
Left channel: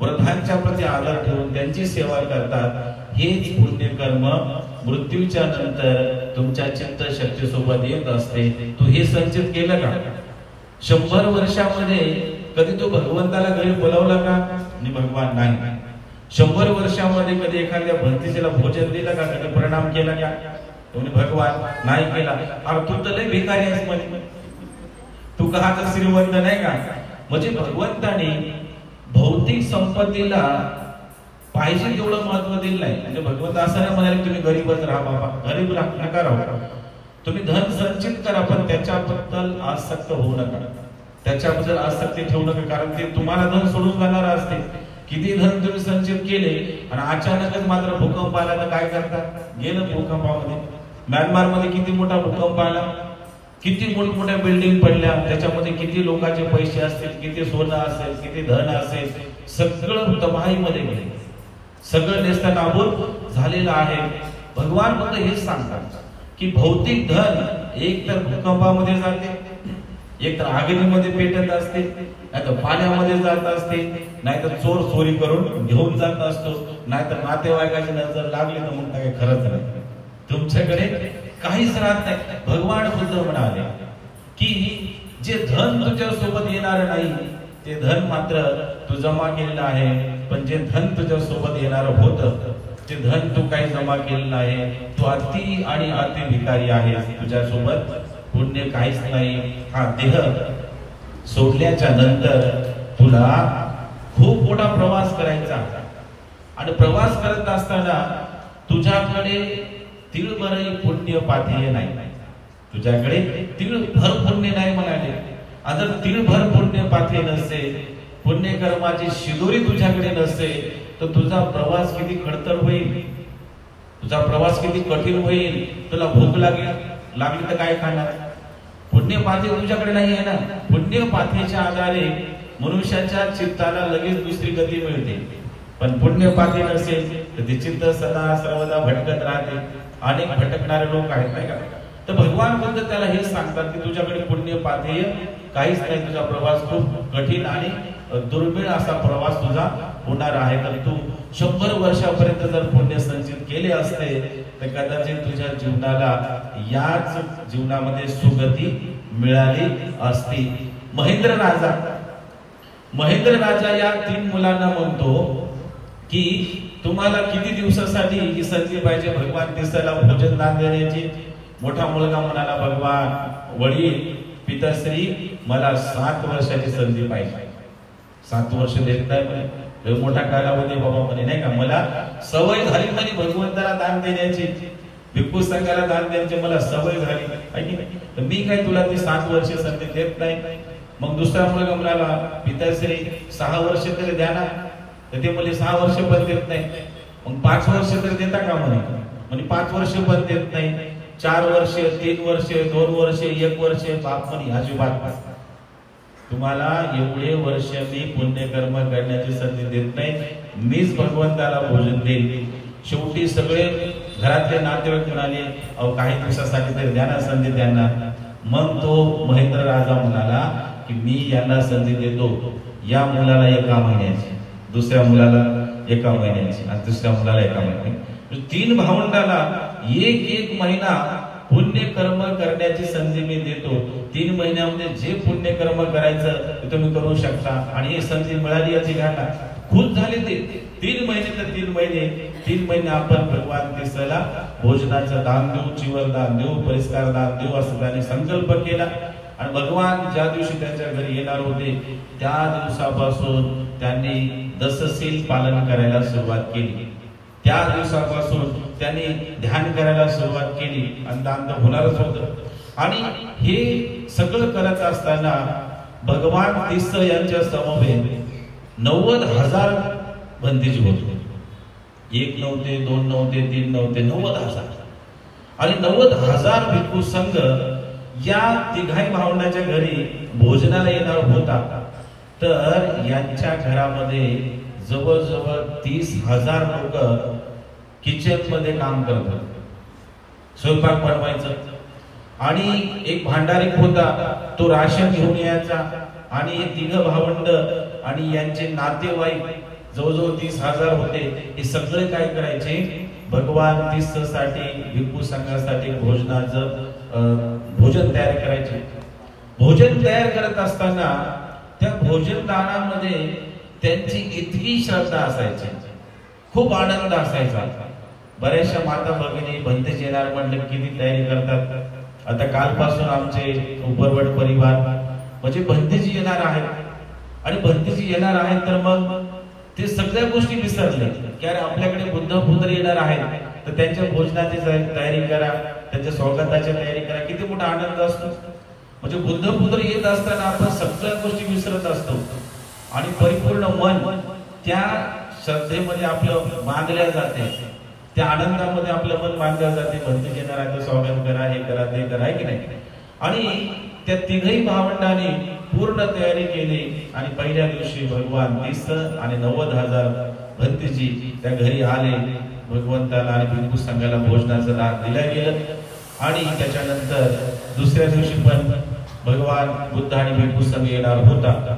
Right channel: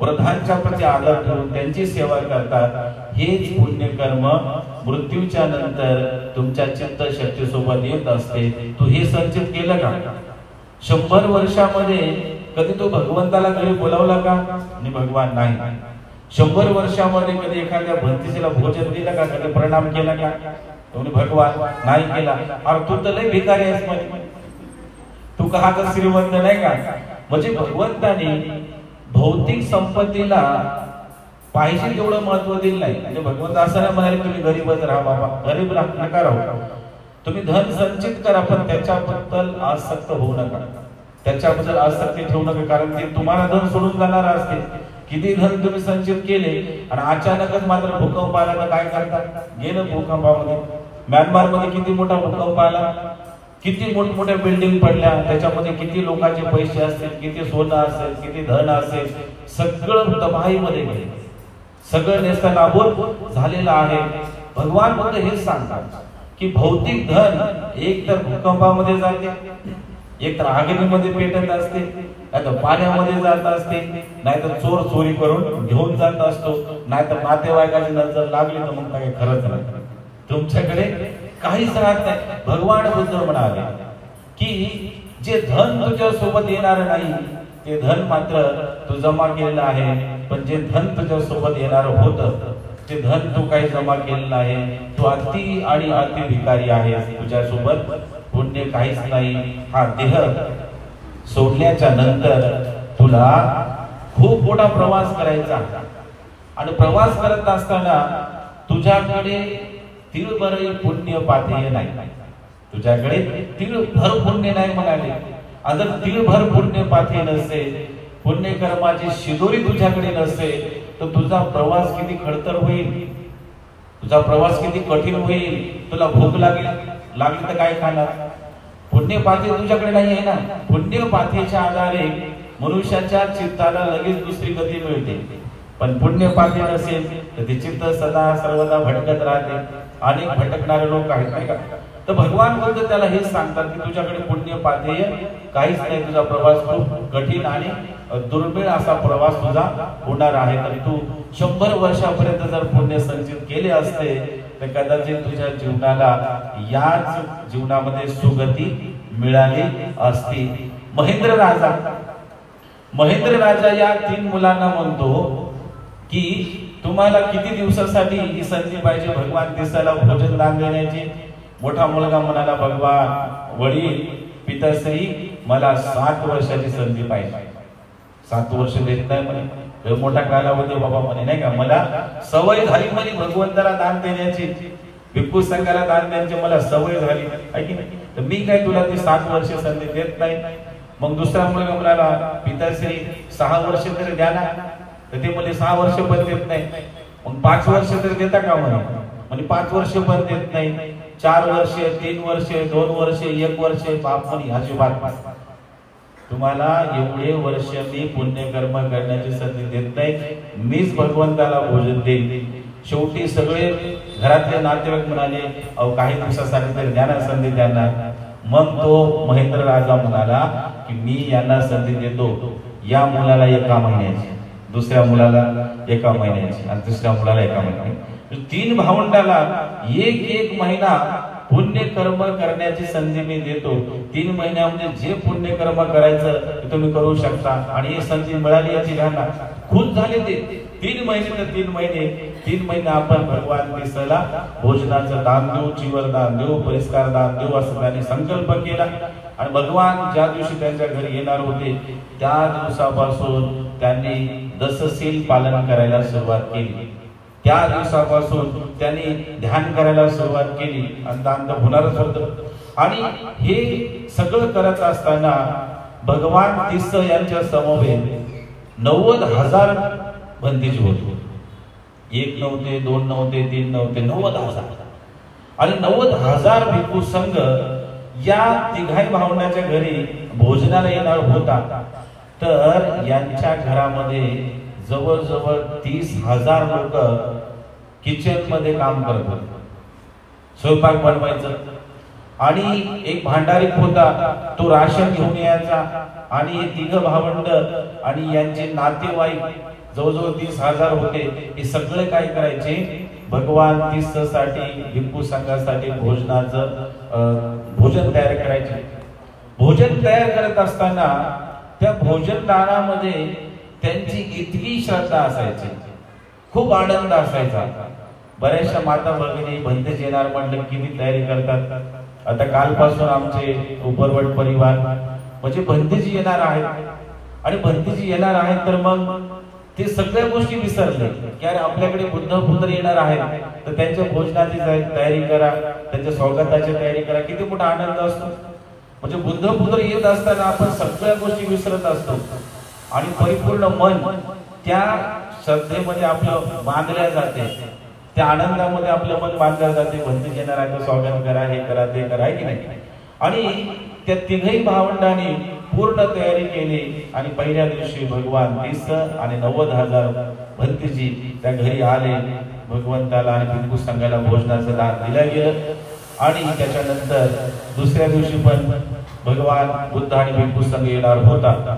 वृद्धांच्या प्रती आदर ठेवून त्यांची सेवा करतात, हेच पुण्य कर्म मृत्यूच्या नंतर तुमच्या चित्त शक्ती सोबत येत असते. तू हे संचित केलं का? 100 वर्षामध्ये कधी तो भगवंताला घरी बोलावला का? आणि भगवान नाही. 100 वर्षामध्ये कधी एखाद्या भंतीला भोजन दिलं का? कधी प्रणाम केला का? तुम्ही भगवान नाही केला. अरे तू तर लय भिकारी आहेस म्हणे. तू का तर श्रीमंत नाही का? म्हणजे भगवंताने भौतिक संपत्तीला पाहिजे तेवढं महत्व दिलं नाही. म्हणजे भगवंत असं नाही म्हणाले तुम्ही गरीबच राहा बाबा, गरीब नका राहू, तुम्ही धन संचित करा, पण त्याच्याबद्दल आसक्त होऊ नका, त्याच्याबद्दल आसक्ती ठेवू नका, कारण ते तुम्हाला धन सोडून जाणार असते. किती धन तुम्ही संचित केले आणि अचानकच मात्र भूकंप आला तर काय करता? गेलं भूकंपामध्ये. म्यानमार मध्ये किती मोठा भूकंप आला, किती मोठमोठ्या बिल्डिंग पडल्या, त्याच्यामध्ये किती लोकांचे पैसे असतील, किती सोनं असेल, किती धन असेल, सगळं तबाहीमध्ये गेले, सगळं नेस्तनाबूत झालेलं आहे. भगवान फक्त हेच सांगतात की भौतिक धन एक तर भूकंपामध्ये जाते, एक तर आगीमध्ये पेटत असते, नाहीतर पाण्यामध्ये जात असते, नाहीतर चोर चोरी करून घेऊन जात असतो, नाहीतर नातेवाईकाची नजर लागली तर मग काय खरंच नाही, तुमच्याकडे काहीच राहत नाही. भगवान बुद्ध म्हणाले की जे धन तुझ्या सोबत येणार नाही ते धन मात्र तू जमा केलेलं आहे, पण जे धन तुझ्या सोबत येणार होतं ते धन तू काही जमा केलेलं आहे. तू अति आणि अति भिकारी आहेस, तुझ्या सोबत पुण्य काहीच नाही. हा देह सोडल्याच्या नंतर तुला खूप मोठा प्रवास करायचा आणि प्रवास करत असताना तुझ्याकडे तिळभरही पुण्य पाथेय नाही, तुझ्याकडे तिळभर पुण्य नाही म्हणाले. आणि जर तिळभर पुण्य पाथेय नसेल, पुण्यकर्माची शिदोरी तुझ्याकडे नसेल, तर तुझा प्रवास किती खडतर होईल, तुझा प्रवास किती कठीण होईल. तुला भूक लागली तर काय खाणार? पुण्यपाथी तुझ्याकडे नाही आहे ना. पुण्यपाथीच्या आधारे मनुष्याच्या चित्ताला लगेच दुसरी गती मिळते, पण पुण्यपाथी नसेल तर ते चित्त सदा सर्वदा भटकत राहते. अनेक भटकणारे लोक आहेत नाही का? तर भगवान बोलतो त्याला हे सांगतात की तुझ्याकडे पुण्यपाथेय काहीच नाही, तुझा प्रवास खूप कठीण आणि दुर्मिळ असा प्रवास तुझा होणार आहे. तर तू 100 वर्षापर्यंत जर पुण्य संचित केले असते तर कदाचित तुझ्या जीवनाला याच जीवनामध्ये सुगती मिळाली असती. महेंद्र राजा या 3 मुलांना म्हणतो की तुम्हाला किती दिवसासाठी ही संधी पाहिजे भगवान दिसायला भोजन दान देण्याची? मोठा मुलगा म्हणाला, भगवान वडील पिताश्री मला 7 वर्षाची संधी पाहिजे. 7 वर्ष देत नाही म्हणे, मोठा कालावधी बाबा म्हणे नाही का, मला सवय झाली म्हणे भगवंताला दान देण्याची, भिक्खू संघाला दान द्यायची मला सवय झाली आहे की नाही, तर मी काय तुला ती 7 वर्ष संधी देत नाही. मग दुसरा मुलगा म्हणाला, पिताश्री 6 वर्ष तरी द्या ना. तर ते म्हणे 6 वर्ष पण देत नाही. मग 5 वर्ष तरी देता का म्हणे 5 वर्ष पण देत नाही. 4 वर्ष, 3 वर्ष, 2 वर्ष, 1 वर्ष. बाप म्हणे अजिबात तुम्हाला एवढे वर्ष मी पुण्यकर्म करण्याची संधी देत नाही, मीच भगवंताला भोजन देईल. शेवटी सगळे घरातले नातेवाईक म्हणाले, अहो काही दिवसासाठी तरी द्या ना संधी त्यांना. मग तो महेंद्र राजा म्हणाला की मी यांना संधी देतो, या मुलाला 1 महिन्याची, दुसऱ्या मुलाला 1 महिन्याची आणि तिसऱ्या मुलाला 1 महिन्याची. 3 भावंडाला 1 महिना पुण्यकर्म करण्याची संधी मी देतो. 3 महिन्यामध्ये जे पुण्यकर्म करायचं ते तुम्ही करू शकता. आणि ही संधी मिळाली याची घटना खुश झाले. ते 3 महिने तर 3 महिने आपण भगवान दिसायला भोजनाचं दान देऊ, चिवर दान देऊ, परिष्कार दान देऊ असं त्यांनी संकल्प केला. आणि भगवान ज्या दिवशी त्यांच्या घरी येणार होते त्या दिवसापासून त्यांनी दशशील पालन करायला सुरुवात केली. त्या दिवसापासून त्यांनी ध्यान करायला सुरुवात केली आणि दान तर होणारच होतं. आणि हे सगळं करत असताना भगवान तीस यांच्या समवेत 90,000 बंदीजी होते. 1 नव्हते, 2 नव्हते, 3 नव्हते, 90,000. आणि 90,000 भिक्खू संघ या तिघाही भावंडाच्या घरी भोजनाला येणार होता. तर यांच्या घरामध्ये जवळजवळ 30,000 लोक किचन मध्ये काम करत होते, स्वयंपाक बनवायचं. आणि एक भांडारिक होता, तो राशन घेऊन यायचा. आणि 3 भावंड आणि यांचे नातेवाईक जवळजवळ 30,000 होते. हे सगळे काय करायचे, भगवान तीर्थसाठी भिक्खू संघासाठी भोजन तयार करायचे. भोजन तयार करत असताना त्या भोजन दानामध्ये त्यांची इतकी श्रद्धा असायची, खूप आनंद असायचा. बऱ्याचशा माता भगिनी भंतेच येणार म्हटलं किती तयारी करतात. आता कालपासून आमचे उपरवट परिवार म्हणजे भंतेजी येणार आहे, आणि भंतेजी येणार आहे तर मग ते सगळ्या गोष्टी विसरले की अरे आपल्याकडे बुद्ध पुत्र येणार आहे, तर त्यांच्या भोजनाची तयारी करा, त्यांच्या स्वागताची तयारी करा. किती मोठा आनंद असतो. म्हणजे बुद्ध पुत्र येत असताना आपण सगळ्या गोष्टी विसरत असतो आणि परिपूर्ण मन त्या श्रद्धेमध्ये आपलं बांधल्या जाते, त्या आनंदामध्ये आपलं मन बांधलं जाते. भंतेजी येणार आहे तर स्वागत करा, हे करा, ते करा, आहे की नाही. आणि त्या तिघही भावंडांनी पूर्ण तयारी केली आणि पहिल्या दिवशी भगवान 30 आणि 90,000 भंतेजी त्या घरी आले. भगवंताला आणि भिक्खू संघाला भोजनाचं दान दिलं गेलं. आणि त्याच्यानंतर दुसऱ्या दिवशी पण भगवान बुद्ध आणि भिक्खू संघ येणार होता.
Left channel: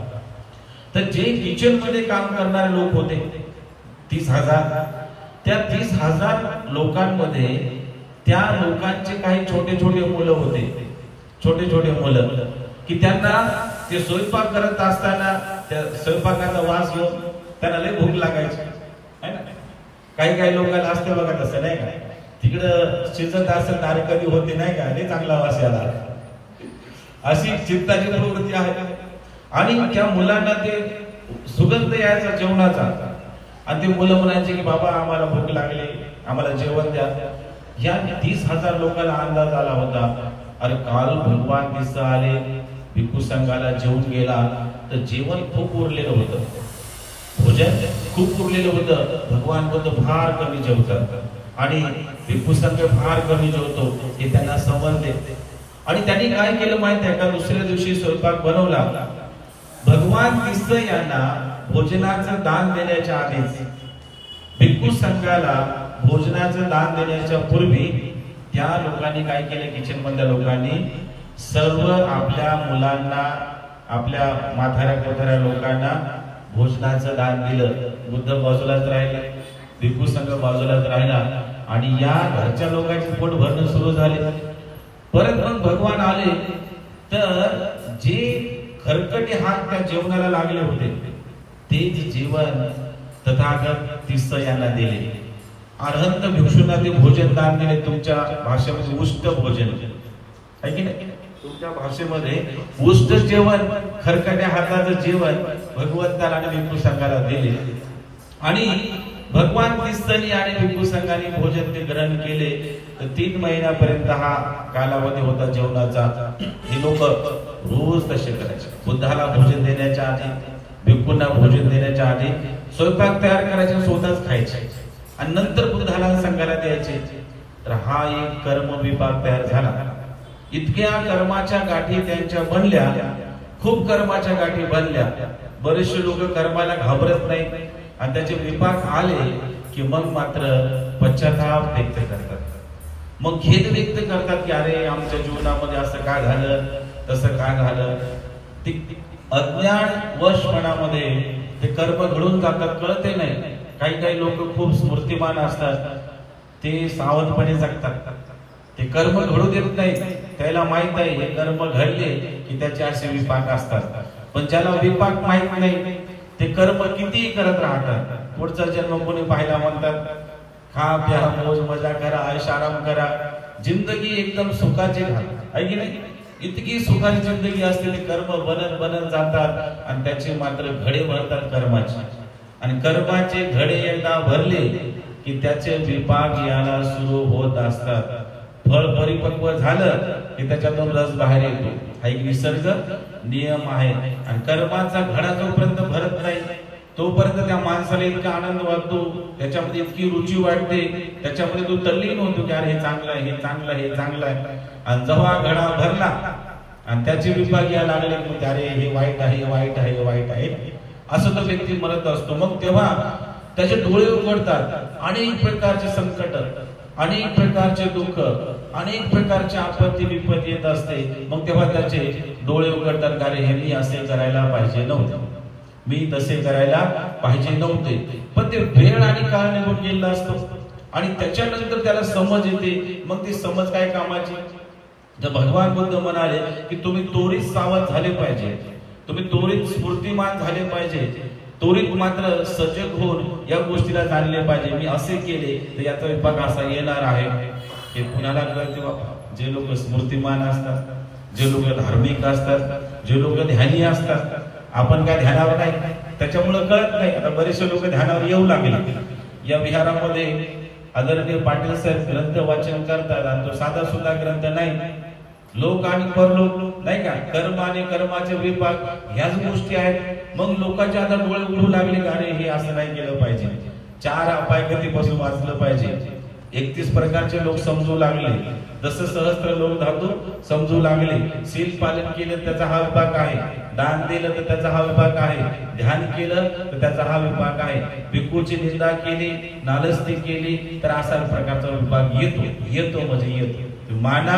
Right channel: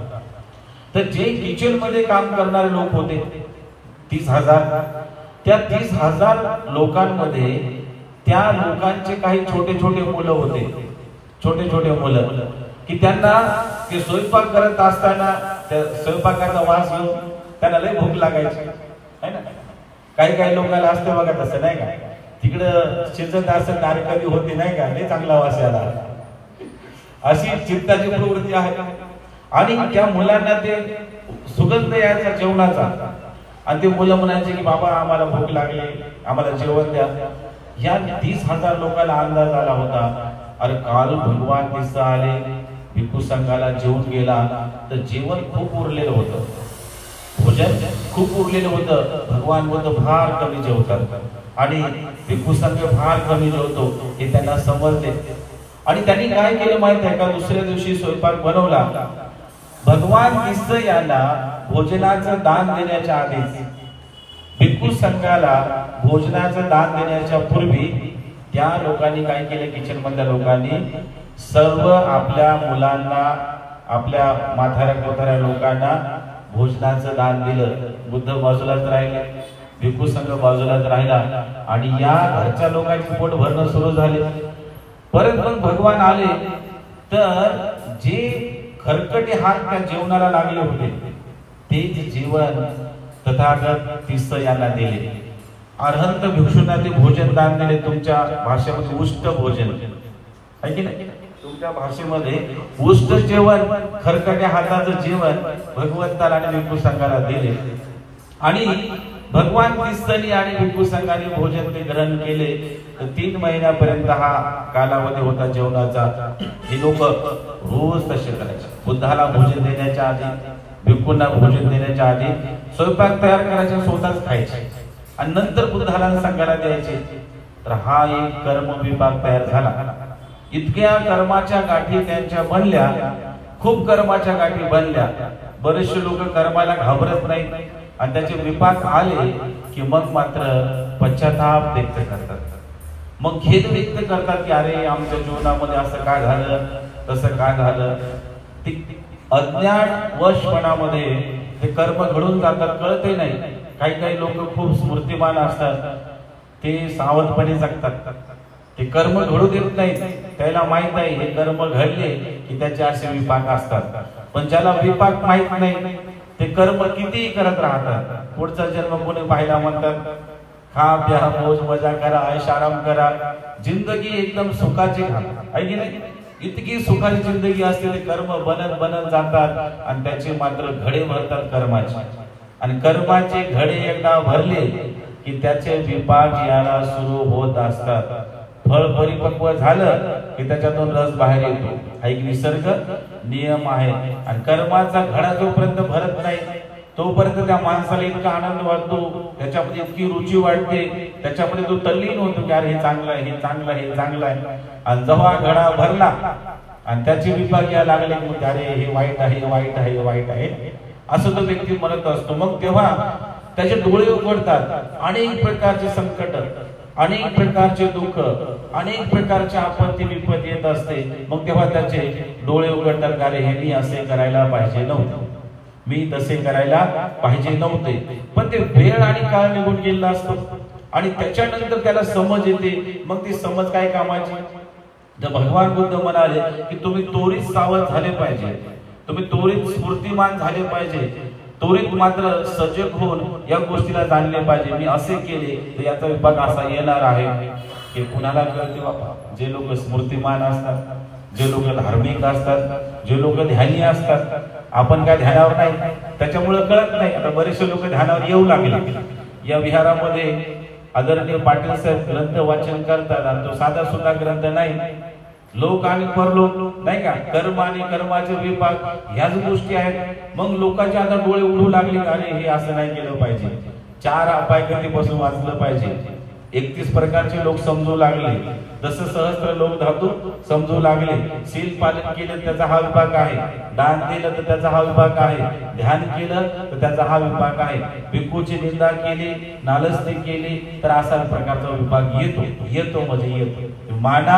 तर जे किचन मध्ये काम करणारे लोक होते 30,000, त्या 30,000 लोकांमध्ये त्या लोकांचे काही छोटे छोटे मुलं होते, छोटे छोटे मुलं की त्यांना ते स्वयंपाक करत असताना त्या स्वयंपाकाचा वास घेऊन त्यांना लय भूक लागायची, है ना. काही काही लोकांना असतं बघा तसं, नाही का. तिकडं शिजत असं कार्य कधी होते, नाही का, लय चांगला वास याला, अशी चित्ताची प्रवृत्ती आहे. आणि त्या मुलांना ते सुगंध यायचा जेवणाचा, आणि ते मुलं म्हणायचे की बाबा आम्हाला भूक लागली, आम्हाला जेवण द्या. या 30,000 लोकांना अंदाज आला होता अरे काल भगवान दिसा आले, भिक्खू संघाला जेवून गेला, तर जेवण खूप उरलेलं होतं, भोजन खूप उरलेलं होतं. भगवान बुद्ध फार कमी जेवतात आणि भिक्खू संघ फार कमी जेवतो हे त्यांना समजले. आणि त्यांनी काय केलं माहिती आहे का, दुसऱ्या दिवशी स्वयंपाक बनवला. भगवान दिस यांना भोजनाचं दान देण्याच्या आधीच, भिक्खू संघाला भोजनाचं दान देण्याच्या पूर्वी त्या लोकांनी काय केले, किचन मधल्या लोकांनी सर्व आपल्या मुलांना, आपल्या म्हाताऱ्या कोताऱ्या लोकांना भोजनाचं दान दिलं. बुद्ध बाजूलाच राहिले, भिक्खू संघ बाजूलाच राहिला आणि या घरच्या लोकांची पोट भरणं सुरू झाले. परत मग भगवान आले तर जे खरकटे हात त्या जेवणाला लागले होते तेच जेवण तथागत तीस यांना दिले. अर्हंत भिक्षूंना ते भोजन दान दिले. तुमच्या भाषेमध्ये उष्ट भोजन आहे की नाही, तुमच्या भाषेमध्ये उष्ट जेवण, खरकट्या हाताचं जेवण भगवंताला आणि भिक्खू संघाला दिले. आणि भगवान तीर्थनी आणि भिक्खू संघाने भोजन ते ग्रहण केले. तर 3 महिन्यापर्यंत हा कालावधी होता जेवणाचा. हे लोक रोज तसे करायचे. बुद्धाला भोजन देण्याच्या आधी, भिक्खूंना भोजन देण्याच्या आधी स्वयंपाक तयार करायचे, स्वतःच खायचे आणि नंतर बुद्धाला संघाला द्यायचे. तर हा एक कर्म विभाग तयार झाला. इतक्या कर्माच्या गाठी त्यांच्या बनल्या, खूप कर्माच्या गाठी बनल्या. बरेचसे लोक कर्माला घाबरत नाही आणि त्याचे विपाक आले की मग मात्र पश्चाताप व्यक्त करतात, मग खेद व्यक्त करतात की अरे आमच्या जीवनामध्ये असं काय झालं, तसं काय झालं. अज्ञान वशपणामध्ये ते कर्म घडून जातात, कळते नाही. काही काही लोक खूप स्मृतिमान असतात, ते सावधपणे जगतात, ते कर्म घडू देत नाहीत. त्याला माहित आहे हे कर्म घडले की त्याचे असे विपाक असतात. पण ज्याला विपाक माहित नाही ते कर्म कितीही करत राहतात. पुढचा जन्म कोणी पाहिला म्हणतात खा प्या मौज मजा करा, ऐश आराम करा, जिंदगी एकदम सुखाची घा, आहे की नाही. इतकी सुखाची जिंदगी असते, ते कर्म बनत बनत जातात आणि त्याचे मात्र घडे भरतात कर्माचे. आणि कर्माचे घडे एकदा भरले की त्याचे विपाक यायला सुरू होत असतात. फळ परिपक्व झालं की त्याच्यातून रस बाहेर येतो, हा एक निसर्ग नियम आहे. आणि कर्माचा घडा जोपर्यंत भरत नाही तोपर्यंत त्या माणसाला इतका आनंद वाटतो, त्याच्यामध्ये इतकी रुची वाटते, त्याच्यामध्ये तो तल्लीन होतो की अरे हे चांगलं आहे, हे चांगलं आहे, हे चांगलं आहे. आणि जेव्हा घडा भरला आणि त्याचे विपाक यायला लागले की अरे हे वाईट आहे, हे वाईट आहे, हे वाईट आहे, असं तो व्यक्ती म्हणत असतो. मग तेव्हा त्याचे डोळे उघडतात. अनेक प्रकारचे संकट, अनेक प्रकारचे दुःख, अनेक प्रकारचे आपत्ती विपत येत असते. मग तेव्हा त्याचे डोळे उघडतात, अरे हे मी असे करायला पाहिजे नव्हते, मी तसे करायला पाहिजे नव्हते. पण ते वेळ आणि काळ निघून गेलेला असतो आणि त्याच्यानंतर त्याला समज येते. मग ती समज काय कामाची. तर भगवान बुद्ध म्हणाले की तुम्ही त्वरित सावध झाले पाहिजे, तुम्ही त्वरित स्फूर्तिमान झाले पाहिजे, त्वरित मात्र सजग होऊन या गोष्टीला जाणले पाहिजे. मी असे केले तर याचा विपाक असा येणार आहे. हे कुणाला कळते बाबा. जे लोक स्मृतिमान असतात, जे लोक धार्मिक असतात, जे लोक ध्यानी असतात, आपण काय ध्यानावर नाही, त्याच्यामुळे कळत नाही. आता बरेचसे लोक ध्यानावर येऊ लागले. या विहारामध्ये आदरणीय पाटील साहेब ग्रंथ वाचन करतात आणि तो साधा सुद्धा ग्रंथ नाही. लोक आणि परलोक नाही का, कर्म आणि कर्माचे विपाक ह्याच गोष्टी आहेत. मग लोकांचे आता डोळे उडू लागले, अरे हे असं नाही केलं पाहिजे, 4 अपायगतीपासून वाचलं पाहिजे. 31 प्रकारचे लोक समजू लागले. जसं सहस्त्र लोक धातू समजू लागले. शील पालन केलं त्याचा हा विभाग आहे, दान दिलं तर त्याचा हा विभाग आहे, ध्यान केलं तर त्याचा हा विभाग आहे, भिक्खूची निंदा केली, नालस्ती केली तर असा प्रकारचा विभाग येतो म्हणजे येतो. माना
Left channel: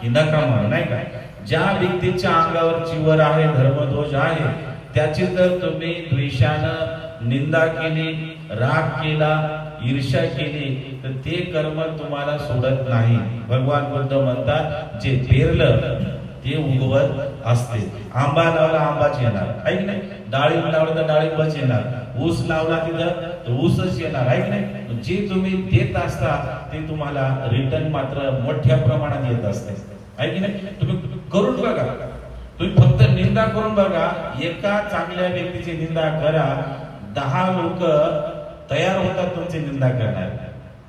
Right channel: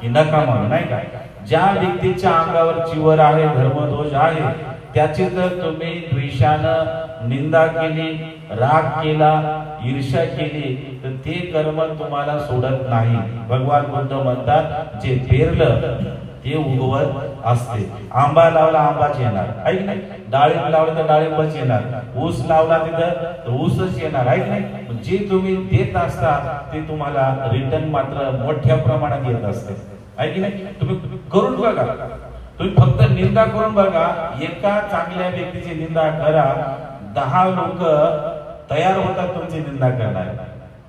की नका मानू नाही का. ज्या व्यक्तीच्या अंगावर चिवर आहे, धर्मदोष आहे, त्याची जर तुम्ही द्वेषानं निंदा केली, राग केला, ईर्ष्या केली तर ते कर्म तुम्हाला सोडत नाही. भगवान बुद्ध म्हणतात जे पेरलं ते उगवत असते. आंबा लावला आंबाच येणार ऐक नाही, डाळिंब लावलं तर डाळिंबच येणार, ऊस लावला तिथं ऊसच येणार ऐक नाही. जे तुम्ही देत असता ते तुम्हाला रिटर्न मात्र मोठ्या प्रमाणात येत असते ऐक नाही. तुम्ही करून बघा, तुम्ही फक्त निंदा करून बघा. एका चांगल्या व्यक्तीची निंदा करा, 10 लोक तयार होतात तुमची निंदा करणार.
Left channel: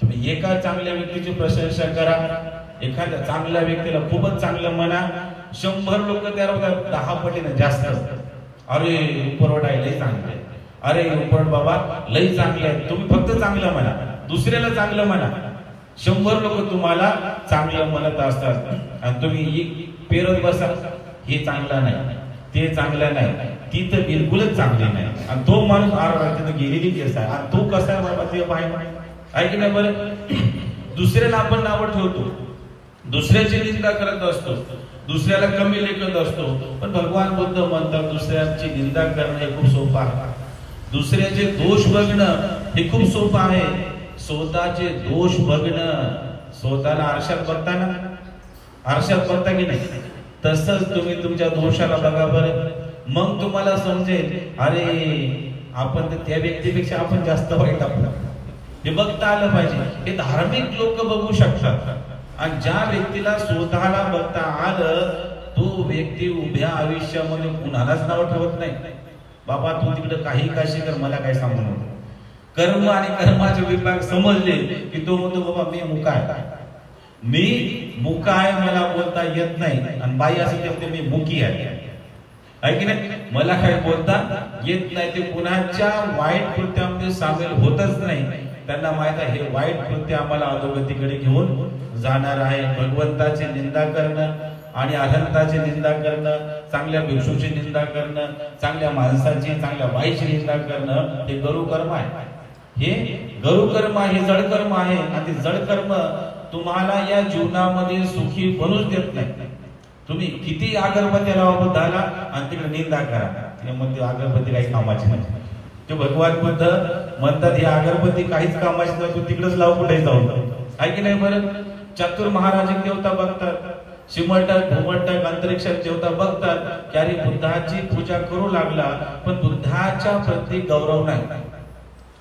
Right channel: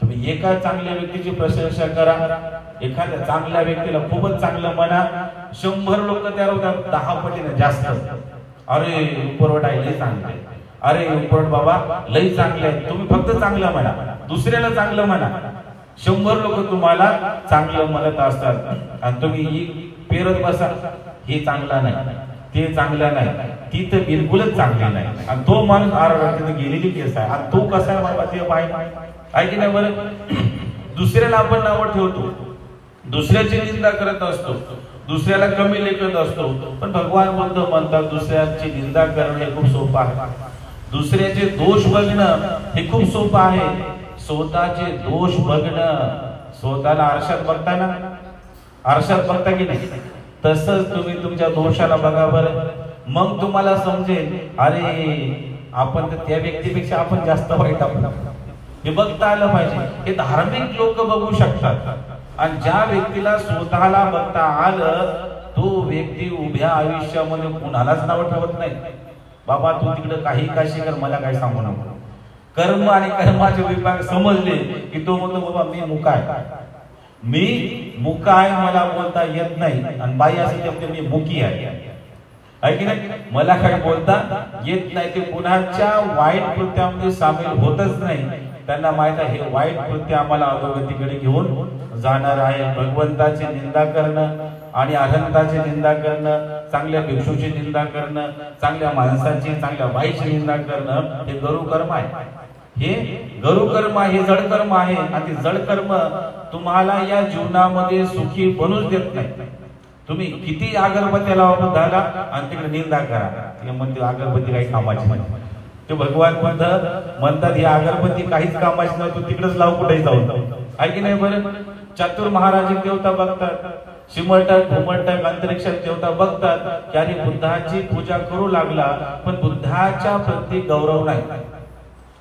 तुम्ही एका चांगल्या व्यक्तीची प्रशंसा करा, एखाद्या चांगल्या व्यक्तीला खूपच चांगलं म्हणा, 100 लोक तयार होतात 10 पटीने जास्त. अरे उपरवट आहे लय चांगलं आहे, अरे उपरवट बाबा लय चांगले आहे. तुम्ही फक्त चांगलं म्हणा, दुसऱ्याला चांगलं म्हणा, 100 लोक तुम्हाला चांगलं म्हणत असतात आणि तुम्ही पेरत बसा, हे चांगलं नाही, ते चांगलं नाही, ती तर बिलकुलच चांगली नाही. आणि तो माणूस आरडते गेलेली केस आहे आणि तो कसा बाबा ते पाहिजे ऐक नाही. बरं दुसऱ्याला आपण नावं ठेवतो, दुसऱ्याची निंदा करत असतो, दुसऱ्याला कमी लेखत असतो. पण भगवान बुद्ध म्हणतात दुसऱ्याची निंदा करणं हे खूप सोपं आहे, दुसऱ्याचे दोष बघणं हे खूप सोपं आहे. स्वतःचे दोष बघणं, स्वतःला आरशात बघताना, आरशात बघता की नाही, तसंच तुम्ही तुमच्या दोषाला बघा बरं. मग तुम्हाला समजेल अरे आपण तर त्या व्यक्तीपेक्षा आपण जास्त वाईट आहोत. हे बघता आलं पाहिजे. हे धार्मिक लोक बघू शकतात. आणि ज्या व्यक्तीला स्वतःला बघता आलं तो व्यक्ती उभ्या आयुष्यामध्ये कुणालाच नाव ठेवत नाही. बाबा तू तिकडे काही काशी कर, मला काय सांगू नको. कर्म आणि कर्माचे विभाग समजले की तो म्हणतो बाबा मी मुका आहे, मी मुका आहे, मला बोलता येत नाही. आणि बाई असं म्हणते मी मुकी आहे ऐक नाही, मला काही बोलता येत नाही. ते कुणाच्या वाईट कृत्यामध्ये सामील होतच नाही. त्यांना माहित आहे हे वाईट कृत्य आम्हाला अधोगतीकडे घेऊन जाणार आहे. भगवंताची निंदा करणं आणि अनंताची निंदा करणं, चांगल्या भिक्षूची निंदा करणं, चांगल्या माणसाची, चांगल्या बाईची निंदा करणं हे गरुकर्म आहे. हे गरुकर्म आहे, हे जडकर्म आहे. आणि ते जडकर्म तुम्हाला या जीवनामध्ये सुखी बनूच देत नाही. तुम्ही किती अगरबत्ती लावा बुद्धाला आणि तिकडे निंदा करा, ते म्हणते अगरबत्ती काही कामाची नाही. ते भगवान बुद्ध म्हणतात ही अगरबत्ती काहीच कामाची नाही, तू तिकडेच लाव कुठे जाऊन आहे की नाही. बरं चतुर महाराज देवता बघतात, शिमलटक भूमलटक अंतरिक्षात देवता बघतात की अरे बुद्धाची पूजा करू लागला, पण बुद्धाच्या प्रती गौरव नाही,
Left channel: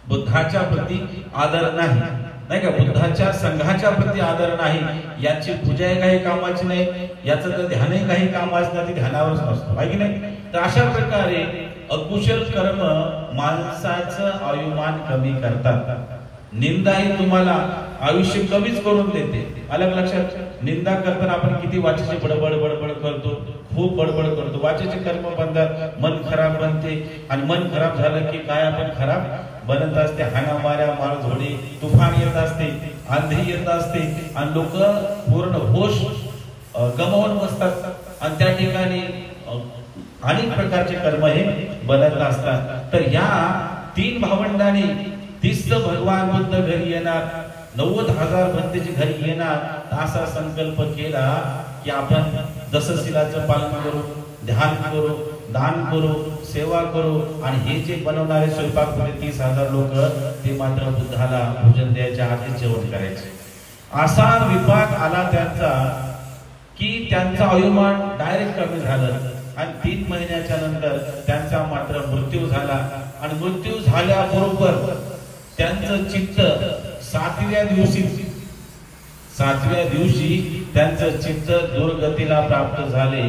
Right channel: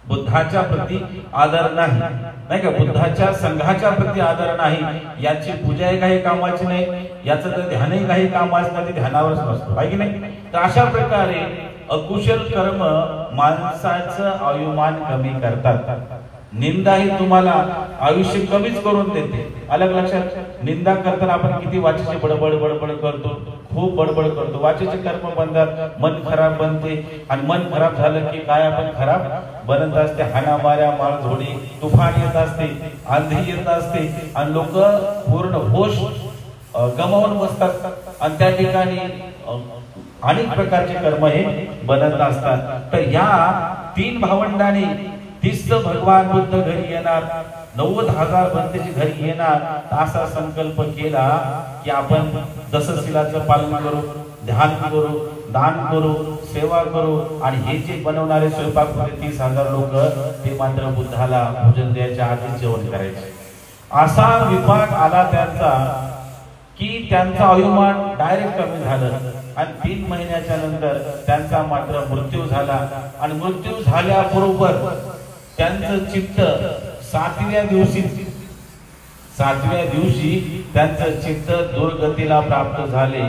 बुद्धाच्या प्रती आदर नाही, नाही का, बुद्धाच्या संघाच्या प्रती आदर नाही. याची पूजाही काही कामाची नाही, याचं तर ध्यानही काही कामाचं नाही, ध्यानावरच नसतो आहे की नाही. तर अशा प्रकारे अकुशल कर्म माणसाचं आयुमान कमी करतात. निंदा ही तुम्हाला आयुष्य कमीच करून देते. अलग लक्षात, निंदा करताना आपण किती वाचेची बडबड बडबड करतो, खूप बडबड करतो. वाचेचे कर्म बनतात, मन खराब बनते आणि मन खराब झालं की काय आपण खराब बनत असते. हाणामाऱ्या, मारझोडी, तुफान येत असते, आंधी येत असते आणि लोक पूर्ण होश गमावून बसतात आणि त्या ठिकाणी अनेक प्रकारचे कर्म हे बनत असतात. तर या 3 भावंडांनी 30 भगवान बुद्ध घरी येणार, 90,000 बंदेची घरी येणार, असा संकल्प केला की आपण दशशिलाचं पालन करू, ध्यान करू, दान करू, सेवा करू. आणि हे जे बनवणारे स्वयंपाकघरी 30,000 लोक ते मात्र बुद्धाला भोजन द्यायच्या आधी जेवण करायचे. असा विभाग आला त्यांचा की त्यांचा आयुमान डायरेक्ट कमी झालं आणि 3 महिन्याच्या नंतर त्यांचा मात्र मृत्यू झाला. आणि मृत्यू झाल्याबरोबर त्यांचं चित्त 7व्या दिवशी त्यांचं चित्त दुर्गतीला प्राप्त झाले.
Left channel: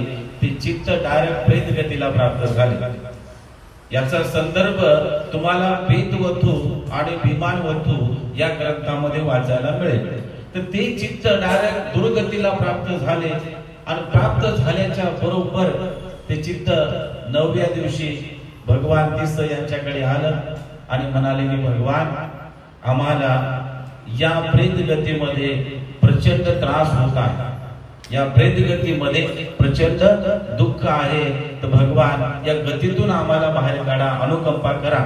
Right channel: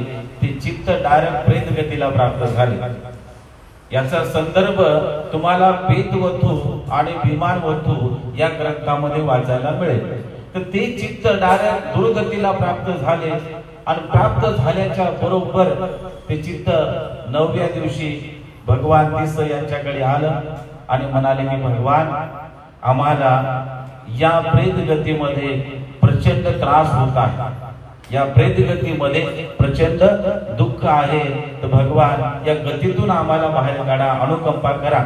ते चित्त डायरेक्ट प्रेत गतीला प्राप्त झाले। याचा संदर्भ तुम्हाला पेतवधू आणि विमानवधू या ग्रंथामध्ये वाचायला मिळेल। तर ते चित्त डायरेक्ट दुर्गतीला प्राप्त झाले आणि प्राप्त झाल्याच्या बरोबर ते चित्त 9व्या दिवशी भगवान तिस यांच्याकडे आलं आणि म्हणाले की भगवान, आम्हाला या प्रेत गतीमध्ये प्रचंड त्रास होत आहे, या प्रेत गतीमध्ये प्रचंड दुःख आहे, तर भगवान या गतीतून आम्हाला बाहेर काढा, अनुकंपा करा।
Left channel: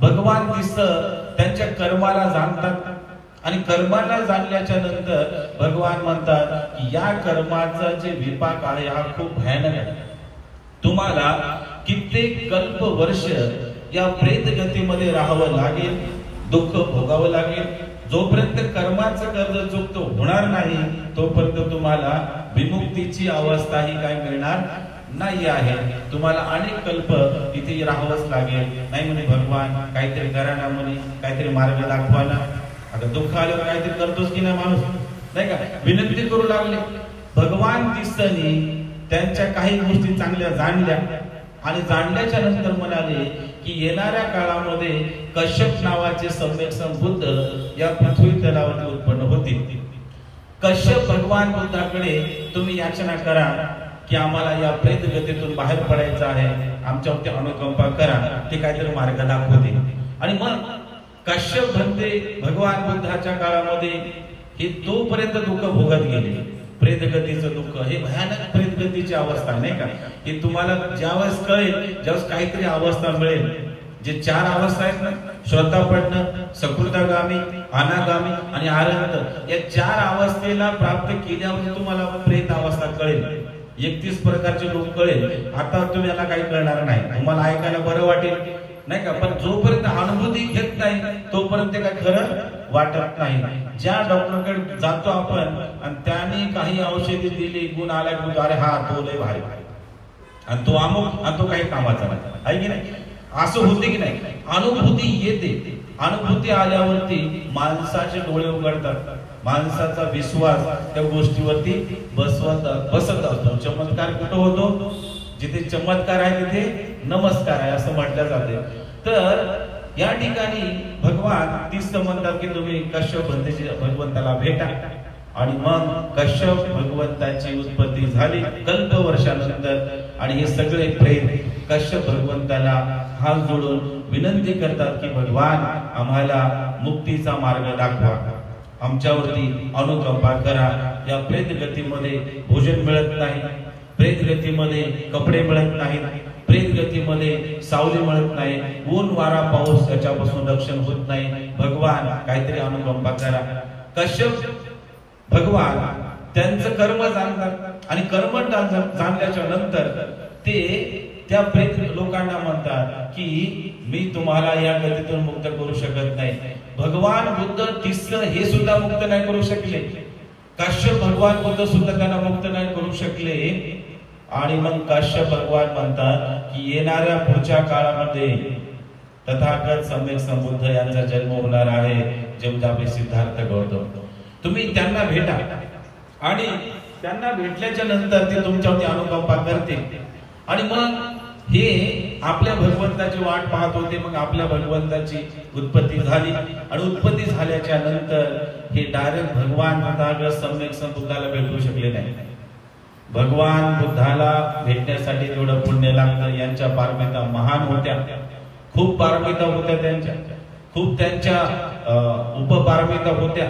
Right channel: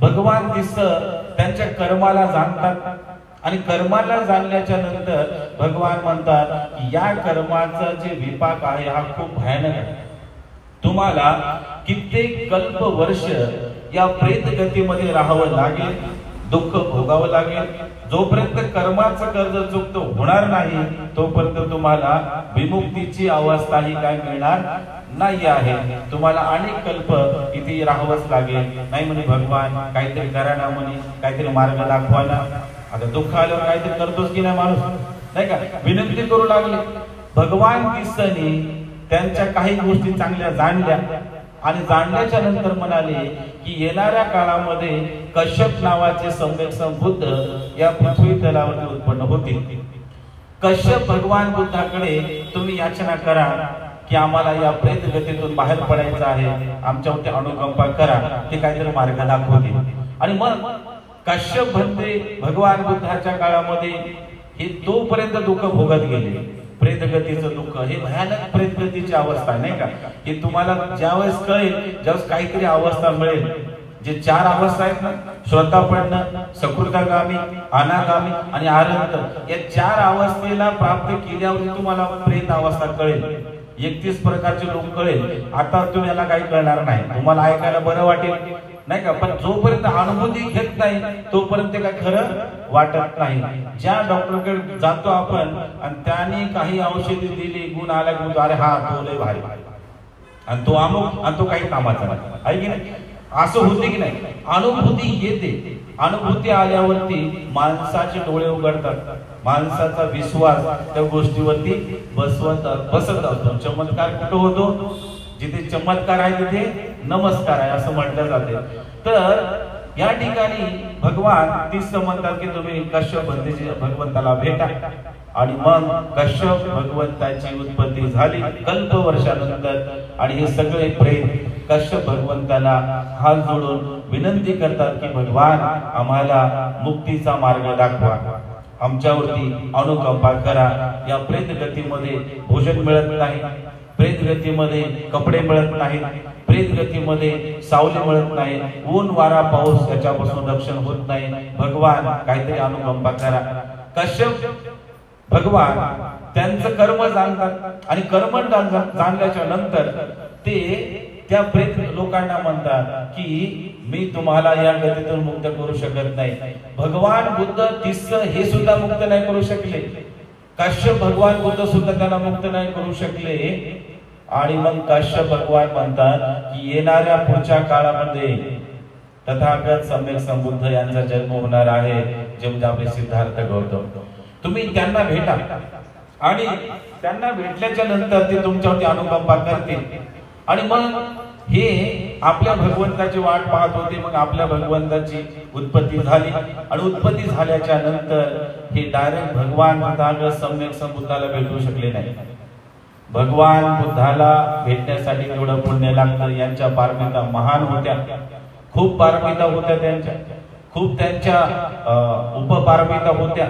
भगवान तिस त्यांच्या कर्माला जाणतात आणि कर्माला जाणल्याच्या नंतर भगवान म्हणतात की या कर्माचा जे विपाक आहे हा खूप भयानक आहे। तुम्हाला कित्येक कल्प वर्ष या प्रेत गतीमध्ये राहावं लागेल, दुःख भोगावं लागेल। जोपर्यंत कर्माचं कर्ज चुकतो होणार नाही तोपर्यंत तुम्हाला विमुक्तीची अवस्था ही काय मिळणार नाही आहे। तुम्हाला अनेक कल्प इथे राहावंच लागेल। नाही म्हणे भगवान काहीतरी करा ना, म्हणे काहीतरी मार्ग दाखवा ना। आता दुःख आल्यावर काहीतरी करतोच की नाही माणूस, नाही का, विनंती करू लागले। भगवान तिसनी त्यांच्या काही गोष्टी चांगल्या जाणल्या आणि जाणल्याच्या नंतर म्हणाले की येणाऱ्या काळामध्ये कश्यप नावाचे सम्यक संबुद्ध या पृथ्वी तलावरती उत्पन्न होतील। कश्यप भगवान बुद्धाकडे तुम्ही याचना करा की आम्हाला या प्रेत गतीतून बाहेर पडायचं आहे, आमच्यावरती अनुकंपा करा, ते काहीतरी मार्ग दाखवतील। आणि मग कश्यप म्हणते भगवान बुद्धाच्या काळामध्ये हे तोपर्यंत दुःख भोगत गेले। प्रेतगतीचं दुःख हे भयानक प्रेतगतीची अवस्था आहे, नाही का। हे तुम्हाला ज्यावेळेस कळेल, ज्यावेळेस काहीतरी अवस्था मिळेल, जे 4 अवस्था आहेत ना, श्रोतापन्न, सकृतागामी, अनागामी आणि आरंत, या 4 अवस्थेला प्राप्त केल्यावर तुम्हाला प्रेत अवस्था कळेल। 31 प्रकारचे लोक कळेल। आता तुम्हाला काही कळणार नाही, तुम्हाला ऐकायला बरं वाटेल, नाही का, पण जोपर्यंत अनुभूती घेत नाही तोपर्यंत काय खरं वाटत नाही। ज्या डॉक्टरकडे जातो आपण आणि त्याने काही औषधी दिली, गुण आला की अरे हा तो लय भारी आणि तो अमुक आणि तो काही कामाचा नाही, आहे की नाही, असं होते की नाही। अनुभूती येते, अनुभूती आल्यावरती माणसाचे डोळे उघडतात, माणसाचा विश्वास त्या गोष्टीवरती बसत असतो। चमत्कार कुठं होतो? जिथे चमत्कार आहे तिथे नमस्कार आहे असं म्हटलं जाते। तर या ठिकाणी भगवान तिस म्हणतात की तुम्ही कश्यप भगवंताला भेटा। आणि मग कश्यप भगवंताची उत्पत्ती झाली कल्प वर्षानंतर आणि हे सगळे प्रेत कश्यप भगवंताला हात जोडून विनंती करतात की भगवान आम्हाला मुक्तीचा मार्ग दाखवा, आमच्यावरती अनुकंपा करा। या प्रेत गतीमध्ये भोजन मिळत नाही, प्रेत गतीमध्ये कपडे मिळत नाहीत, प्रेत गतीमध्ये सावली मिळत नाही, ऊन वारा पाऊस त्याच्यापासून रक्षण होत नाही। भगवान काहीतरी अनुकंपा करा। कश्यप भगवान त्यांचं कर्म जाणतात आणि कर्म जाणल्याच्या नंतर ते त्या प्रेत लोकांना म्हणतात की मी तुम्हाला या गतीतून मुक्त करू शकत नाही। भगवान बुद्ध तिस हे सुद्धा मुक्त नाही करू शकले, काश्यप भगवान बुद्ध सुद्धा त्यांना मुक्त नाही करू शकले। आणि मग काश्यप भगवान म्हणतात की येणाऱ्या पुढच्या काळामध्ये तथागत सम्यक संबुद्ध यांचा जन्म होणार आहे, जे म्हणजे आपले सिद्धार्थ गौतम। तुम्ही त्यांना भेटा आणि त्यांना भेटल्याच्या नंतर ते तुमच्यावरती अनुकंपा करतील। आणि मग हे आपल्या भगवंताची वाट पाहत होते। मग आपल्या भगवंताची उत्पत्ती झाली आणि उत्पत्ती झाल्याच्या नंतर हे डायरेक्ट भगवान तथागत सम्यक संबुद्धाला भेटू शकले नाही। भगवान बुद्धाला भेटण्यासाठी तेवढं पुण्य लागतं। यांच्या पारमिता महान होत्या, खूप पारमिता होत्या त्यांच्या, खूप त्यांच्या उपपारमिता होत्या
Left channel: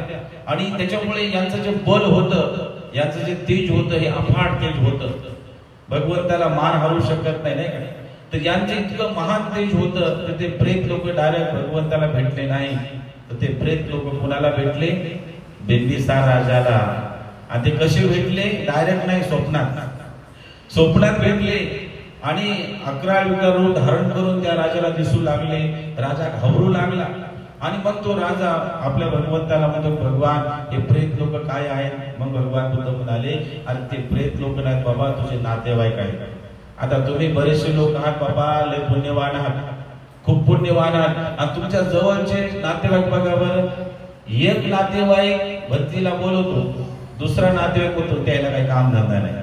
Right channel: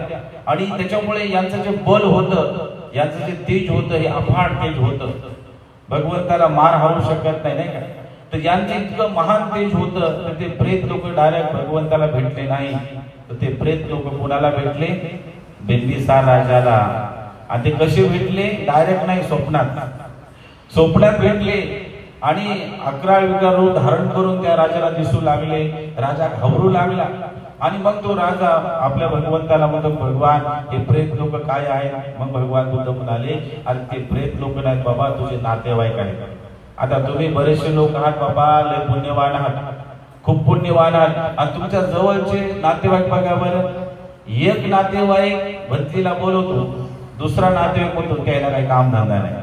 आणि त्याच्यामुळे यांचं जे बल होतं, यांचं जे तेज होतं हे अफाट तेज होतं। भगवंताला मार हारू शकत नाही, नाही का। तर यांचं इतकं महान तेज होतं तर ते प्रेत लोक डायरेक्ट भगवंताला भेटले नाही, तर ते प्रेत लोक कुणाला भेटले? बिंबिसार राजाला। आणि ते कसे भेटले? डायरेक्ट नाही, स्वप्नात भेटले आणि 11 विकार रूप धारण करून त्या राजाला दिसू लागले। राजा घाबरू लागला आणि मग तो राजा आपल्या भगवंताला म्हणतो भगवान हे प्रेत लोक काय आहेत? मग भगवान बुद्ध म्हणाले अरे ते प्रेत लोक नाहीत बाबा, तुझे नातेवाईक आहेत। आता तुम्ही बरेचसे लोक आहात बाबा, लय पुण्यवान आहात, खूप पुण्यवान आहात आणि तुमच्या जवळचे नातेवाईक बघा बरं, एक नातेवाईक भरतीला बोलवतो, दुसरा नातेवाईक म्हणतो त्याला काही काम धंदा नाही,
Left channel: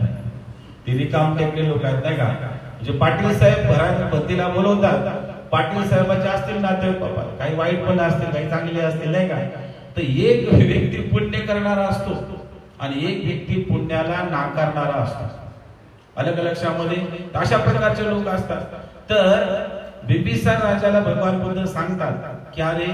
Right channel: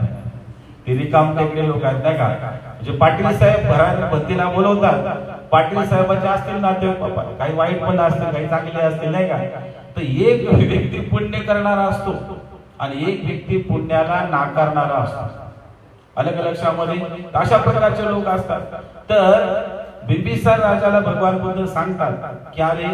ते रिकाम टेकले लोक आहेत नाही का, म्हणजे पाटील साहेब घरात बत्तीला बोलवतात, पाटील साहेबांचे असतील नातेवाईक बाबा, काही वाईट पण असतील काही चांगले असतील नाही का, तर एक व्यक्ती पुण्य करणारा असतो आणि एक व्यक्ती पुण्याला नाकारणारा असतो. अलग लक्षामध्ये अशा प्रकारचे लोक असतात. तर बिंबिसार राजाला भगवान बुद्ध सांगतात की अरे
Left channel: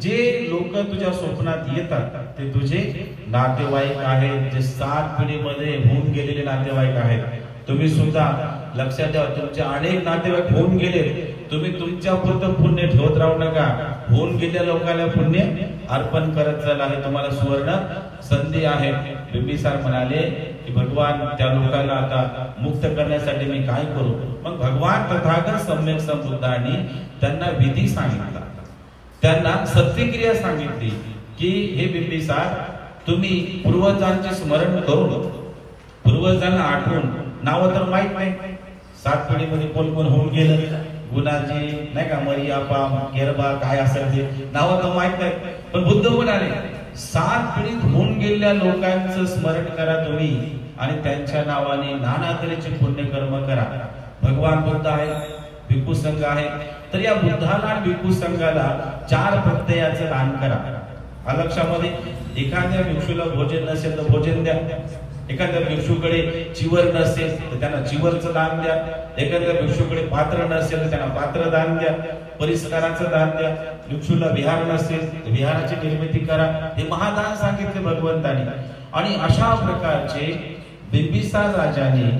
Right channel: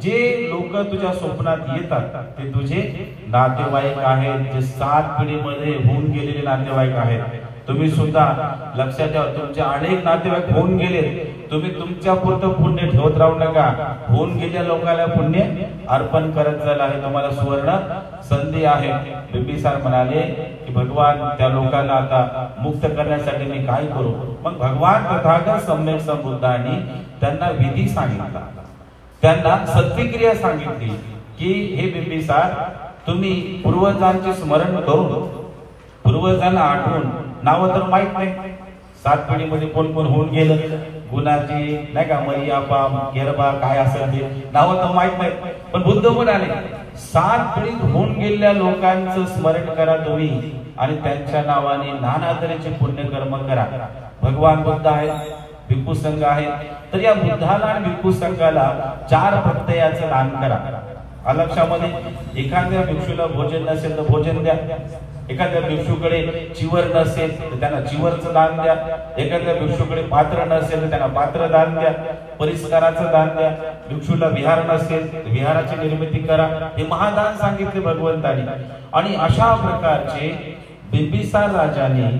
जे लोक तुझ्या स्वप्नात येतात ते तुझे नातेवाईक आहेत, जे 7 पिढीमध्ये होऊन गेलेले नातेवाईक आहेत. तुम्ही सुद्धा लक्षात ठेवा, तुमचे अनेक नातेवाईक होऊन गेले, तुम्ही तुमच्या पुरतं पुण्य ठेवत राहू नका, होऊन गेलेल्या लोकांना पुण्य अर्पण करत जायला हे तुम्हाला सुवर्ण संधी आहे. बिंबिसार म्हणाले की भगवान त्या लोकांना आता मुक्त करण्यासाठी मी काय करू. मग भगवान तथागत सम्यक संबुद्धांनी त्यांना विधी सांगितला, त्यांना सत्यक्रिया सांगितली की हे बिंबिसार, तुम्ही पूर्वजांचे स्मरण करून पूर्वजांना आठवून, नाव तर माहित नाही 7 पिढीमध्ये कोण कोण होऊन गेलं, गुणाजी नाही का, मरियापा गेरबा काय असेल ते नाव तर माहित नाही, पण बुद्ध म्हणाले 7 पिढीत होऊन गेलेल्या लोकांचं स्मरण करा तुम्ही आणि त्यांच्या नावाने नाना तऱ्हेचे पुण्यकर्म करा. भगवान बुद्ध आहेत, भिक्खू संघ आहे, तर या बुद्धाला आणि भिक्खू संघाला 4 प्रत्ययाचं दान करा. अलक्षामध्ये एखाद्या भिक्षूला भोजन नसेल तर भोजन द्या, एखाद्या भिक्षूकडे चिवर नसेल तर त्यांना चिवरचं दान द्या, एखाद्या भिक्षूकडे पात्र नसेल तर त्यांना पात्र दान द्या, परिस्काराचं दान द्या, भिक्षूला विहार नसेल तर विहाराची निर्मिती करा. हे महादान सांगितले भगवंतानी. आणि अशा प्रकारचे बिंबिसार राजाने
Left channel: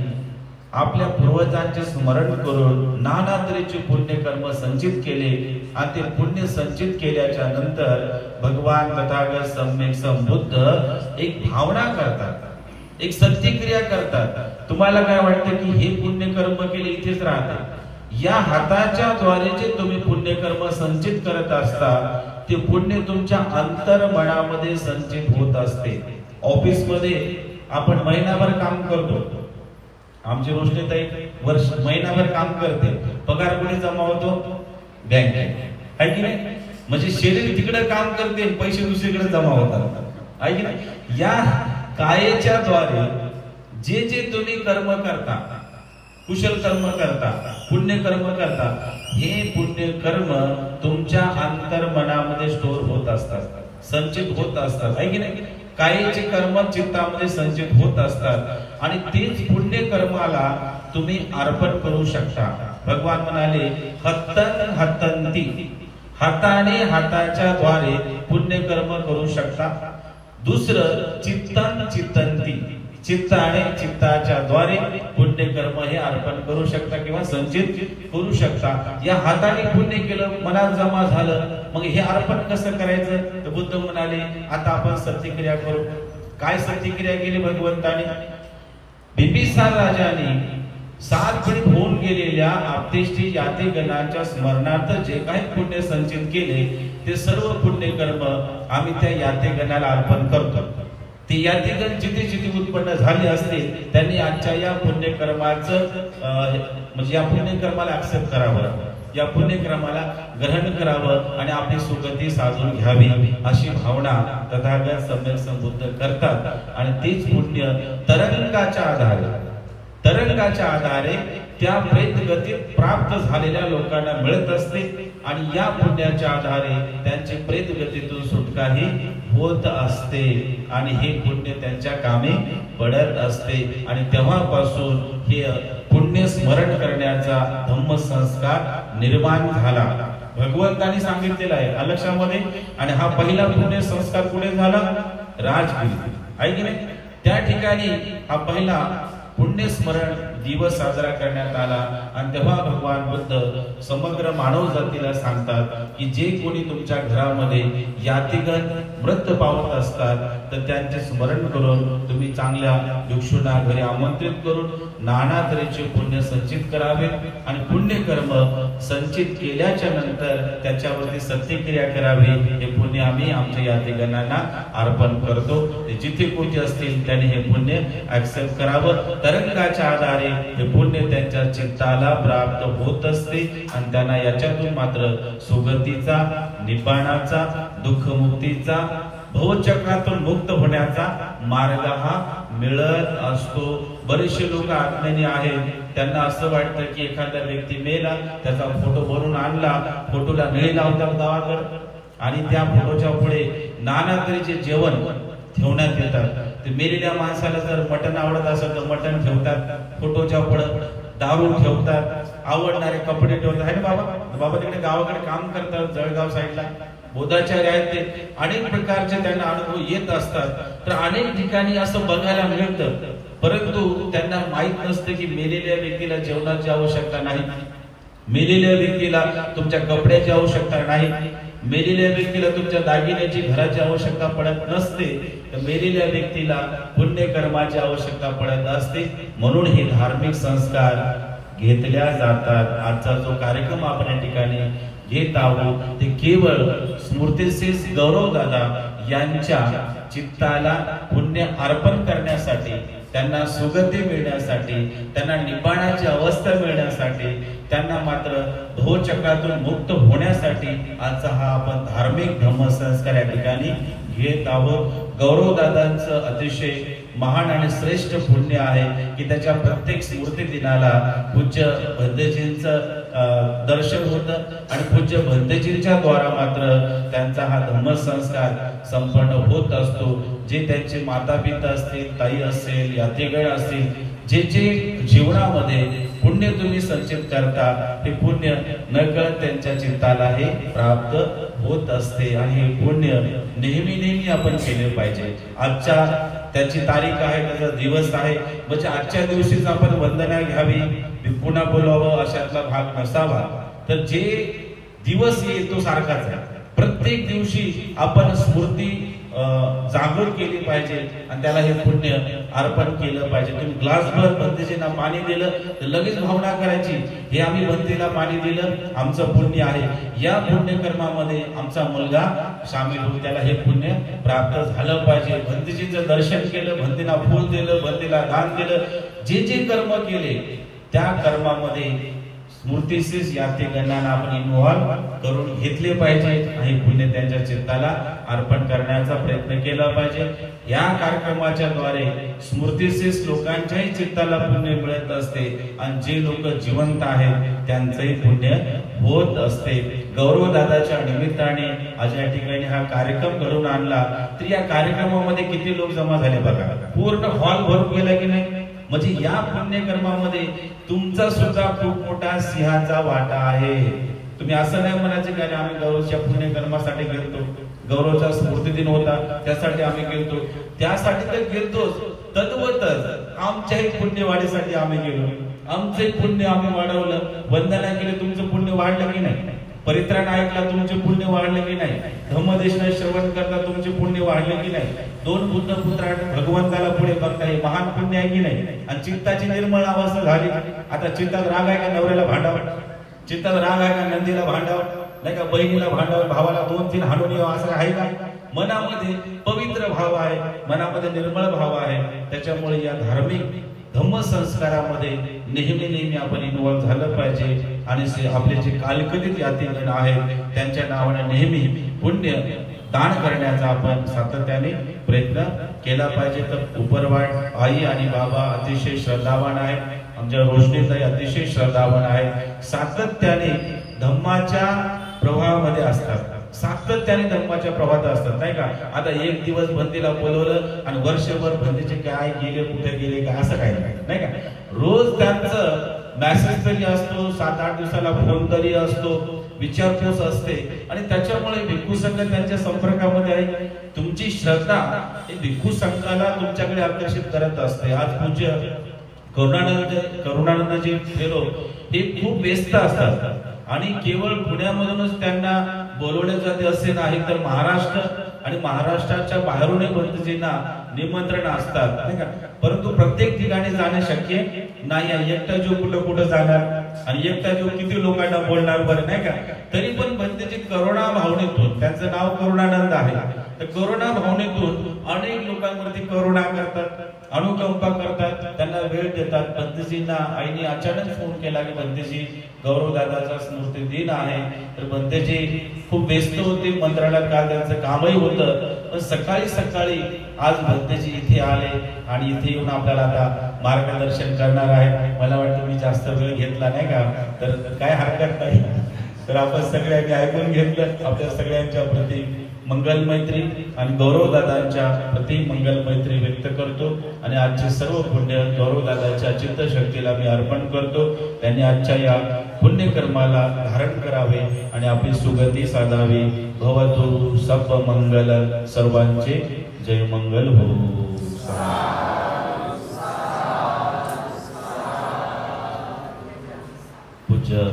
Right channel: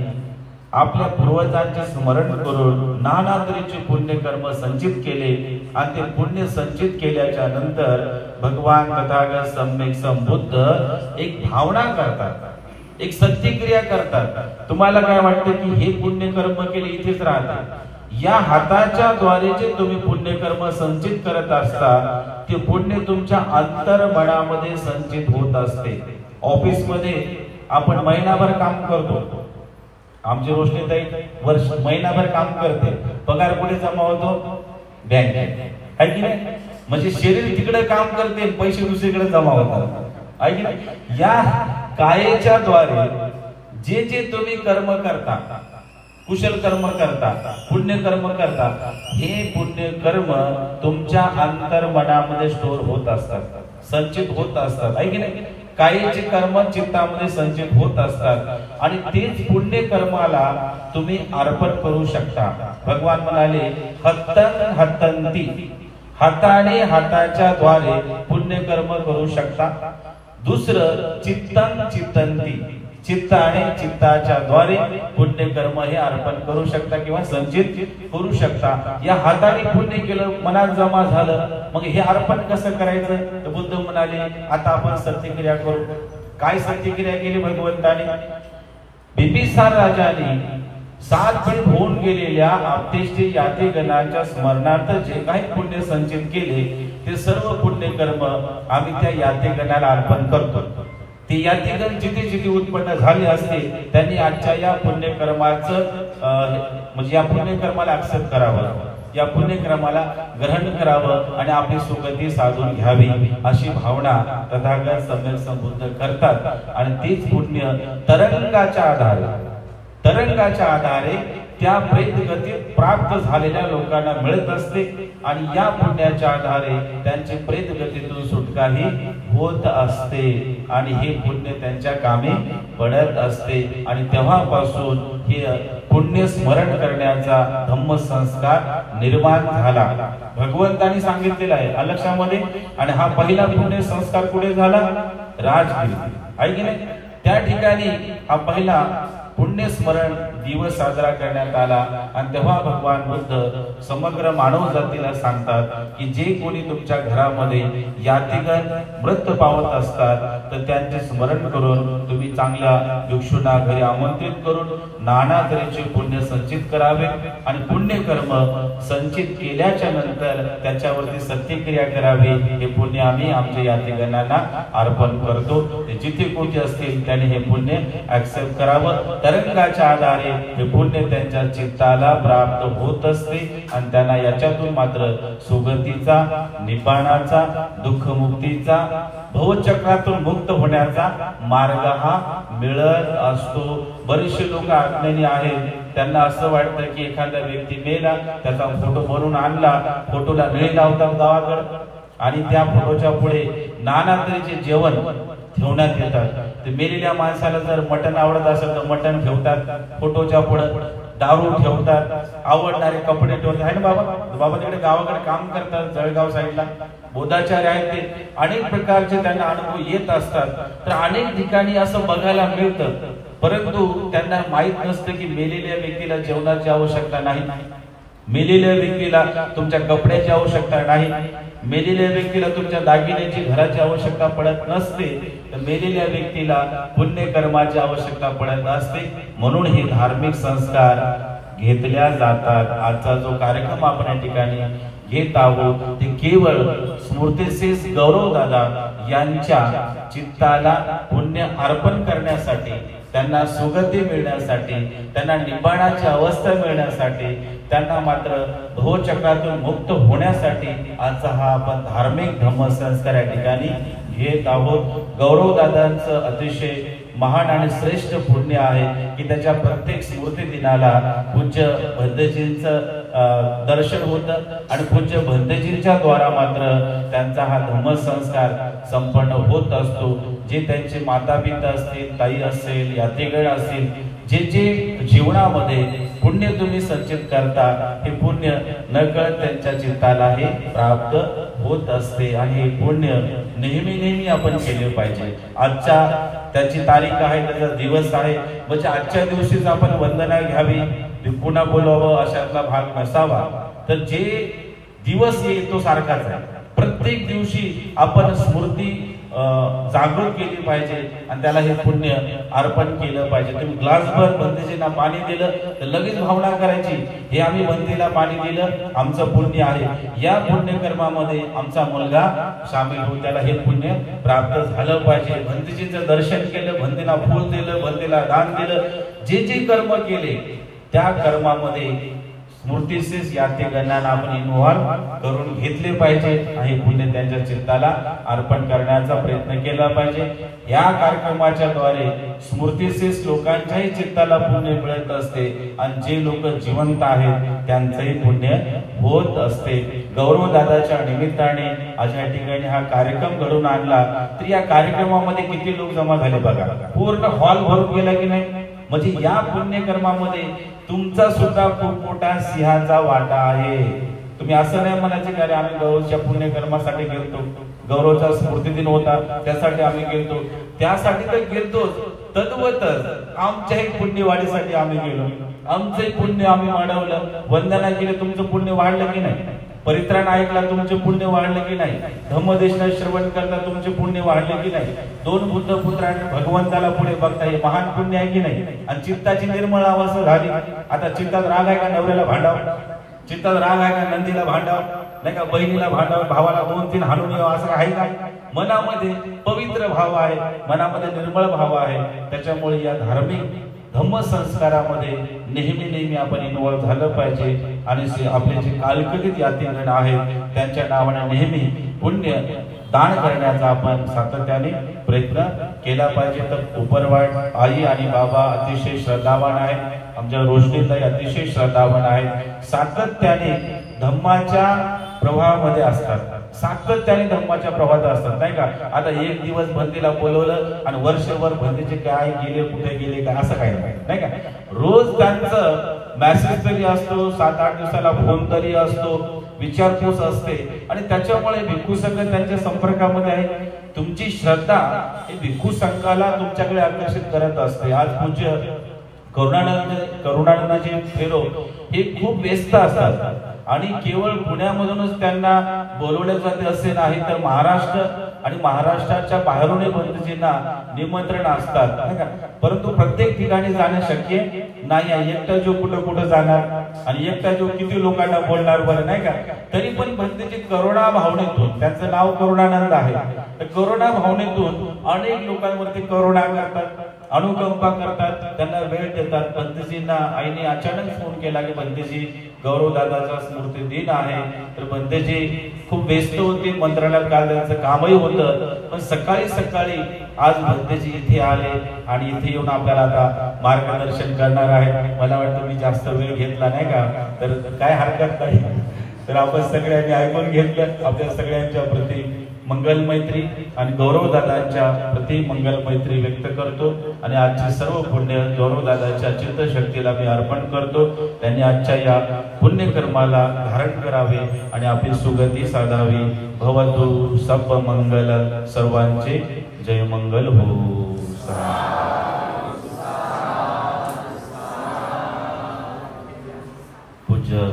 आपल्या पूर्वजांचे स्मरण करून नाना तऱ्हेचे पुण्यकर्म संचित केले आणि ते पुण्य संचित केल्याच्या नंतर भगवान तथागत सम्यक संबुद्ध एक भावना करतात, एक सत्यक्रिया करतात. तुम्हाला काय वाटतं की हे पुण्यकर्म केले इथेच राहते? या हाताच्या द्वारे जे तुम्ही पुण्यकर्म संचित करत असता ते पुण्य तुमच्या अंतर्मनामध्ये संचित होत असते. ऑफिस मध्ये आपण महिनाभर काम करतो, आमची रोशनीताई महिनाभर काम करते, पगार कुठे जमा होतो? बँकेत, आहे की नाही? म्हणजे शरीर तिकडे काम करते, पैसे दुसरीकडे जमा होतात, आहे की नाही? या कायेच्या द्वारे जे जे तुम्ही कर्म करता, कुशल कर्म करता, पुण्य कर्म करता, हे पुण्य कर्म तुमच्या अंतर्मनामध्ये स्टोर होत असतात, संचित होत असतात, आहे की नाही? कायेचे कर्म चित्तामध्ये संचित होत असतात आणि तेच पुण्य कर्माला तुम्ही अर्पण करू शकता. भगवान म्हणाले हत्तन हत्तंती, हाताने हाताच्या द्वारे पुण्य कर्म करू शकता. दुसरं चित्तन चित्तंती, चित्त आणि चित्ताच्या द्वारे पुण्य कर्म हे अर्पण करू शकता किंवा संचित करू शकता. या हाताने पुण्य केलं, मनात जमा झालं, मग हे अर्पण कसं करायचं? तर बुद्ध म्हणाले आता आपण सत्यक्रिया करू. काय सत्यक्रिया केली भगवंताने? बिंबिसार राजाने 7 पिढी होऊन गेलेल्या आपतेष्टी यातीगणांच्या स्मरणार्थ जे काही पुण्य संचित केले ते सर्व पुण्य कर्म आम्ही त्या यातीगणाला अर्पण करतो. ते यातीगण जिथे जिथे उत्पन्न झाले असते त्यांनी आजच्या या पुण्यकर्माचं म्हणजे या पुण्यकर्माला ऍक्सेप्ट करावं, या पुण्यक्रमाला ग्रहण करावं आणि आपली सुगती साधून घ्यावी अशी भावना तथागत सम्यक संबुद्ध करतात. आणि तेच पुण्य तरंगाच्या आधारे त्या प्रेत गतीत प्राप्त झालेल्या लोकांना मिळत असते आणि या पुण्याच्या आधारे त्यांची प्रेत गतीतून सुटकाही होत असते आणि हे पुण्य त्यांच्या कामी पडत असते. आणि तेव्हापासून हे पुण्य स्मरण करण्याचा धम्म संस्कार निर्माण झाला. भगवंतांनी सांगितलेला आहे अलक्षामध्ये. आणि हा पहिला पुण्य संस्कार कुठे झाला? राजगिरी, आहे की नाही? त्या ठिकाणी हा पहिला पुण्य स्मरण दिवस साजरा करण्यात आला. आणि तेव्हा भगवान बुद्ध समग्र मानव जातीला सांगतात की जे कोणी तुमच्या घरामध्ये यातीगण मृत पावत असतात तर त्यांचे स्मरण करून तुम्ही चांगल्या भिक्षूंना घरी आमंत्रित करून नाना तऱ्हेचे पुण्य संचित करावे आणि पुण्य कर्म संचित केल्याच्या नंतर त्याच्यावरती सत्यक्रिया करावी. हे पुण्य आम्ही आमच्या यातीगणांना अर्पण करतो. जिथे कोठे असतील त्यांनी हे पुण्य ऍक्सेप्ट करावं. तरंगाच्या आधारे हे पुण्य त्यांच्या चित्ताला प्राप्त होत असते आणि त्यांना याच्यातून मात्र सुगतीचा, निब्बाणाचा, दुःखमुक्तीचा, भवचक्रातून मुक्त होण्याचा मार्ग हा मिळत असतो। बरेचसे लोक अज्ञानी आहेत, त्यांना असं वाटतं की एखादा व्यक्ती मेला, त्याचा फोटो बनवून आणला, फोटोला निळे लावतात गावाकडे आणि त्या फोटोच्या पुढे नाना तऱ्हेचे जेवण ठेवण्यात येतात। ते मेलेल्या माणसाला जर मटण आवडत असेल तर मटण ठेवतात फोटोच्या पुढे, दारू ठेवतात, आवडणारे कपडे ठेवतात आहे ना बाबा। बाबा तिकडे गावाकडे काम करतात, जळगाव साईडला बोधाचार्य आहेत, ते अनेक प्रकारचे त्यांना अनुभव येत असतात। तर अनेक ठिकाणी असं बघायला मिळतं, परंतु त्यांना माहित नसतं की मेलेल्या व्यक्तीला जेवणाची आवश्यकता नाही, मेलेल्या व्यक्तीला तुमच्या कपड्याची आवश्यकता नाही, मेलेल्या व्यक्तीला तुमच्या दागिन्याची घराची आवश्यकता पडत नसते, तर मेलेल्या व्यक्तीला पुण्यकर्माची आवश्यकता पडत असते। म्हणून हे धार्मिक संस्कार घेतल्या जातात। आजचा जो कार्यक्रम आपण या ठिकाणी घेत आहोत ते केवळ स्मृतिसिस गौरव दादा यांच्या चित्ताला पुण्य अर्पण करण्यासाठी, त्यांना सुगती मिळण्यासाठी, त्यांना निब्बाणाची अवस्था मिळण्यासाठी, त्यांना मात्र भवचक्रातून मुक्त होण्यासाठी आजचा हा आपण धार्मिक धम्मसंस्कार या ठिकाणी घेत आहोत। गौरव दादांचं अतिशय महान आणि श्रेष्ठ पुण्य आहे की त्याच्या प्रत्येक स्मृती दिनाला पूज्य भंतेजींचं दर्शन होतं आणि पूज्य भंतेजींच्या द्वारा मात्र त्यांचा हा धम्मसंस्कार संपन्न होत असतो। जे त्यांचे माता पिता असतील, ताई असेल, यात्रेगण असतील, जे जे जीवनामध्ये पुण्य तुम्ही संचित करता, हे पुण्य नकळत त्यांच्या चित्ताला हे प्राप्त होत असते आणि हे पुण्य नेहमी नेहमी आपण केले पाहिजे। आजच्या त्याची तारीख आहे, त्याचा दिवस आहे, म्हणजे आजच्या दिवशीच आपण वंदना घ्यावी, पुन्हा बोलावं अशातला भाग नसावा। तर जे दिवस येतो सारखाच आहे, प्रत्येक दिवशी आपण स्मृती जागृत केली पाहिजे आणि त्याला हे पुण्य अर्पण केलं पाहिजे। तुम्ही ग्लासभर भंतेजींना पाणी दिलं तर लगेच भावना करायची, हे आम्ही भंतेला पाणी दिलं, आमचं पुण्य आहे, या पुण्यकर्मामध्ये आमचा मुलगा सामील होऊन त्याला हे पुण्य प्राप्त झालं पाहिजे। भंतेजींचं दर्शन केलं, भंतेला फूल दिलं, भंतेला दान दिलं, जे जे कर्म केले त्या कर्मामध्ये स्मृतिसिस यात्रेगणांना आपण इन्व्हॉल्व करून घेतले पाहिजे आणि पुण्य त्यांच्या चित्ताला अर्पण करण्याचा प्रयत्न केला पाहिजे। या कार्यक्रमाच्या द्वारे स्मृतिसिस लोकांच्याही चित्ताला पुण्य मिळत असते आणि जे लोक जिवंत आहेत त्यांचंही पुण्य होत असते। गौरव दादाच्या निमित्ताने आज या ठिकाणी हा कार्यक्रम घडून आणला, तर या कार्यक्रमामध्ये किती लोक जमा झाले बघा, पूर्ण हॉल भरून गेला की नाही। म्हणजे या पुण्यकर्मामध्ये तुमचा सुद्धा खूप मोठा सिंहाचा वाटा आहे। तुम्ही असं नाही म्हणायचे की अरे आम्ही गौरवच्या पुण्यकर्मासाठी गेलतो, गौरवचा स्मृती दिन होता त्यासाठी आम्ही गेलतो, त्यासाठी तर गेलतोच, तद्वतच आमच्याही पुण्यवाढीसाठी आम्ही गेलो, आमचे पुण्य आम्ही वाढवलं, वंदना केली, तुमचं पुण्य वाढलं की नाही, परित्राण ऐकला तुमचे पुण्य वाढले की नाही, धम्मदेशना श्रवण करता तुमचे पुण्य वाढले की नाही, दोन बुद्ध पुत्रांनी भगवंताला पुढे बघता हे महान पुण्य आहे की नाही। आणि चित्ताची निर्मळ अवस्था झाली, आता चित्तात राग आहे का नवऱ्याला भांडाव, चित्तात राग आहे का नंदीला भांडाव, नाही का बहिणीला भांडाव, भावाला 2-3 हाणून यावं असं आहे का। मनामध्ये पवित्र भाव आहे, मनामध्ये निर्मळ भाव आहे, त्याच्यामुळे या धार्मिक धम्मसंस्कारामध्ये नेहमी नेहमी आपण इन्व्हॉल्व झालं पाहिजे आणि आपले जे कालकथित यात्रेगण आहेत त्यांच्या नावाने नेहमी पुण्य दान करण्याचा आपण सातत्याने प्रयत्न केला पाहिजे। तर उपरवाड आई आणि बाबा अतिशय श्रद्धावान आहेत, आमच्या रोशनीताई अतिशय श्रद्धावान आहेत, सातत्याने धम्माच्या प्रभावामध्ये असतात, सातत्याने धम्माच्या प्रवाहात असतात नाही का। आता एक दिवस भंतेला बोलवलं आणि वर्षभर भंतेचे काय गेले कुठे गेले का असं काही नाही का। रोज त्यांचं मेसेज तरी असतो, 7-8 दिवसाला फोन तरी असतो, विचारपूस असते आणि त्याच्यामुळे भिक्खू संघ त्यांच्या संपर्कामध्ये आहे। तुमची श्रद्धा हे भिक्खू संघाला तुमच्याकडे आकर्षित करत असते। आज पूज्य करुणानंदजी फेरो हे खूप व्यस्त असतात आणि केवळ पुण्यामधूनच त्यांना बोलवले जाते असे नाही, तर महाराष्ट्र आणि महाराष्ट्राच्या बाहेरूनही भंतेजींना निमंत्रण असतात नाही का। परंतु प्रत्येक ठिकाणी जाणे शक्य नाही आहे, एकटा जो कुठं जाणार आणि एकटा जो किती लोकांना बोलणार बरं नाही का। तरी पण भंतेजी करुणा भावनेतून, त्यांचं नाव करुणानंद आहे, तर करुणा भावनेतून अनेक लोकांवरती करुणा करतात, अनुकंपा करतात, त्यांना वेळ देतात। बंतेजींना आईने अचानक फोन केला की बंतेजी गौरव दादाचा स्मृती दिन आहे, तर बंतेजी खूप व्यस्त होते, मंत्रालयात काल त्यांचं कामही होतं, पण सकाळी सकाळी आज बंतेजी इथे आले आणि इथे येऊन आपल्याला आता मार्गदर्शन करणार आहेत। मला वाटतं मी जास्त वेळ घेतला नाही का, तर काय हरकत नाही। तर आपण सगळ्यांनी ऐकून घेतलं। आपल्या सगळ्यांच्या प्रति मंगल मैत्री आणि गौरव दादांच्या प्रति मंगल मैत्री व्यक्त करतो आणि आजचे सर्व पुण्य गौरव दादाच्या चित्तशक्तीला मी अर्पण करतो। त्यांनी आजच्या या पुण्यकर्माला धारण करावे आणि आपली सुगती साधावी। भवतु सब मंगल, सर्वांचे जय मंगल हो। पूज्य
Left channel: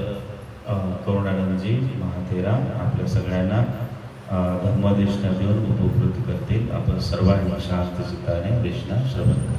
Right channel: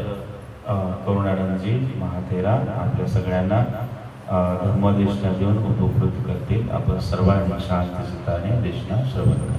करुणानंदजी महातेरा आपल्या सगळ्यांना धर्मदेशना देऊन उपकृत करतील। आपण सर्वांनी शांत चित्ताने देशना श्रवण करा।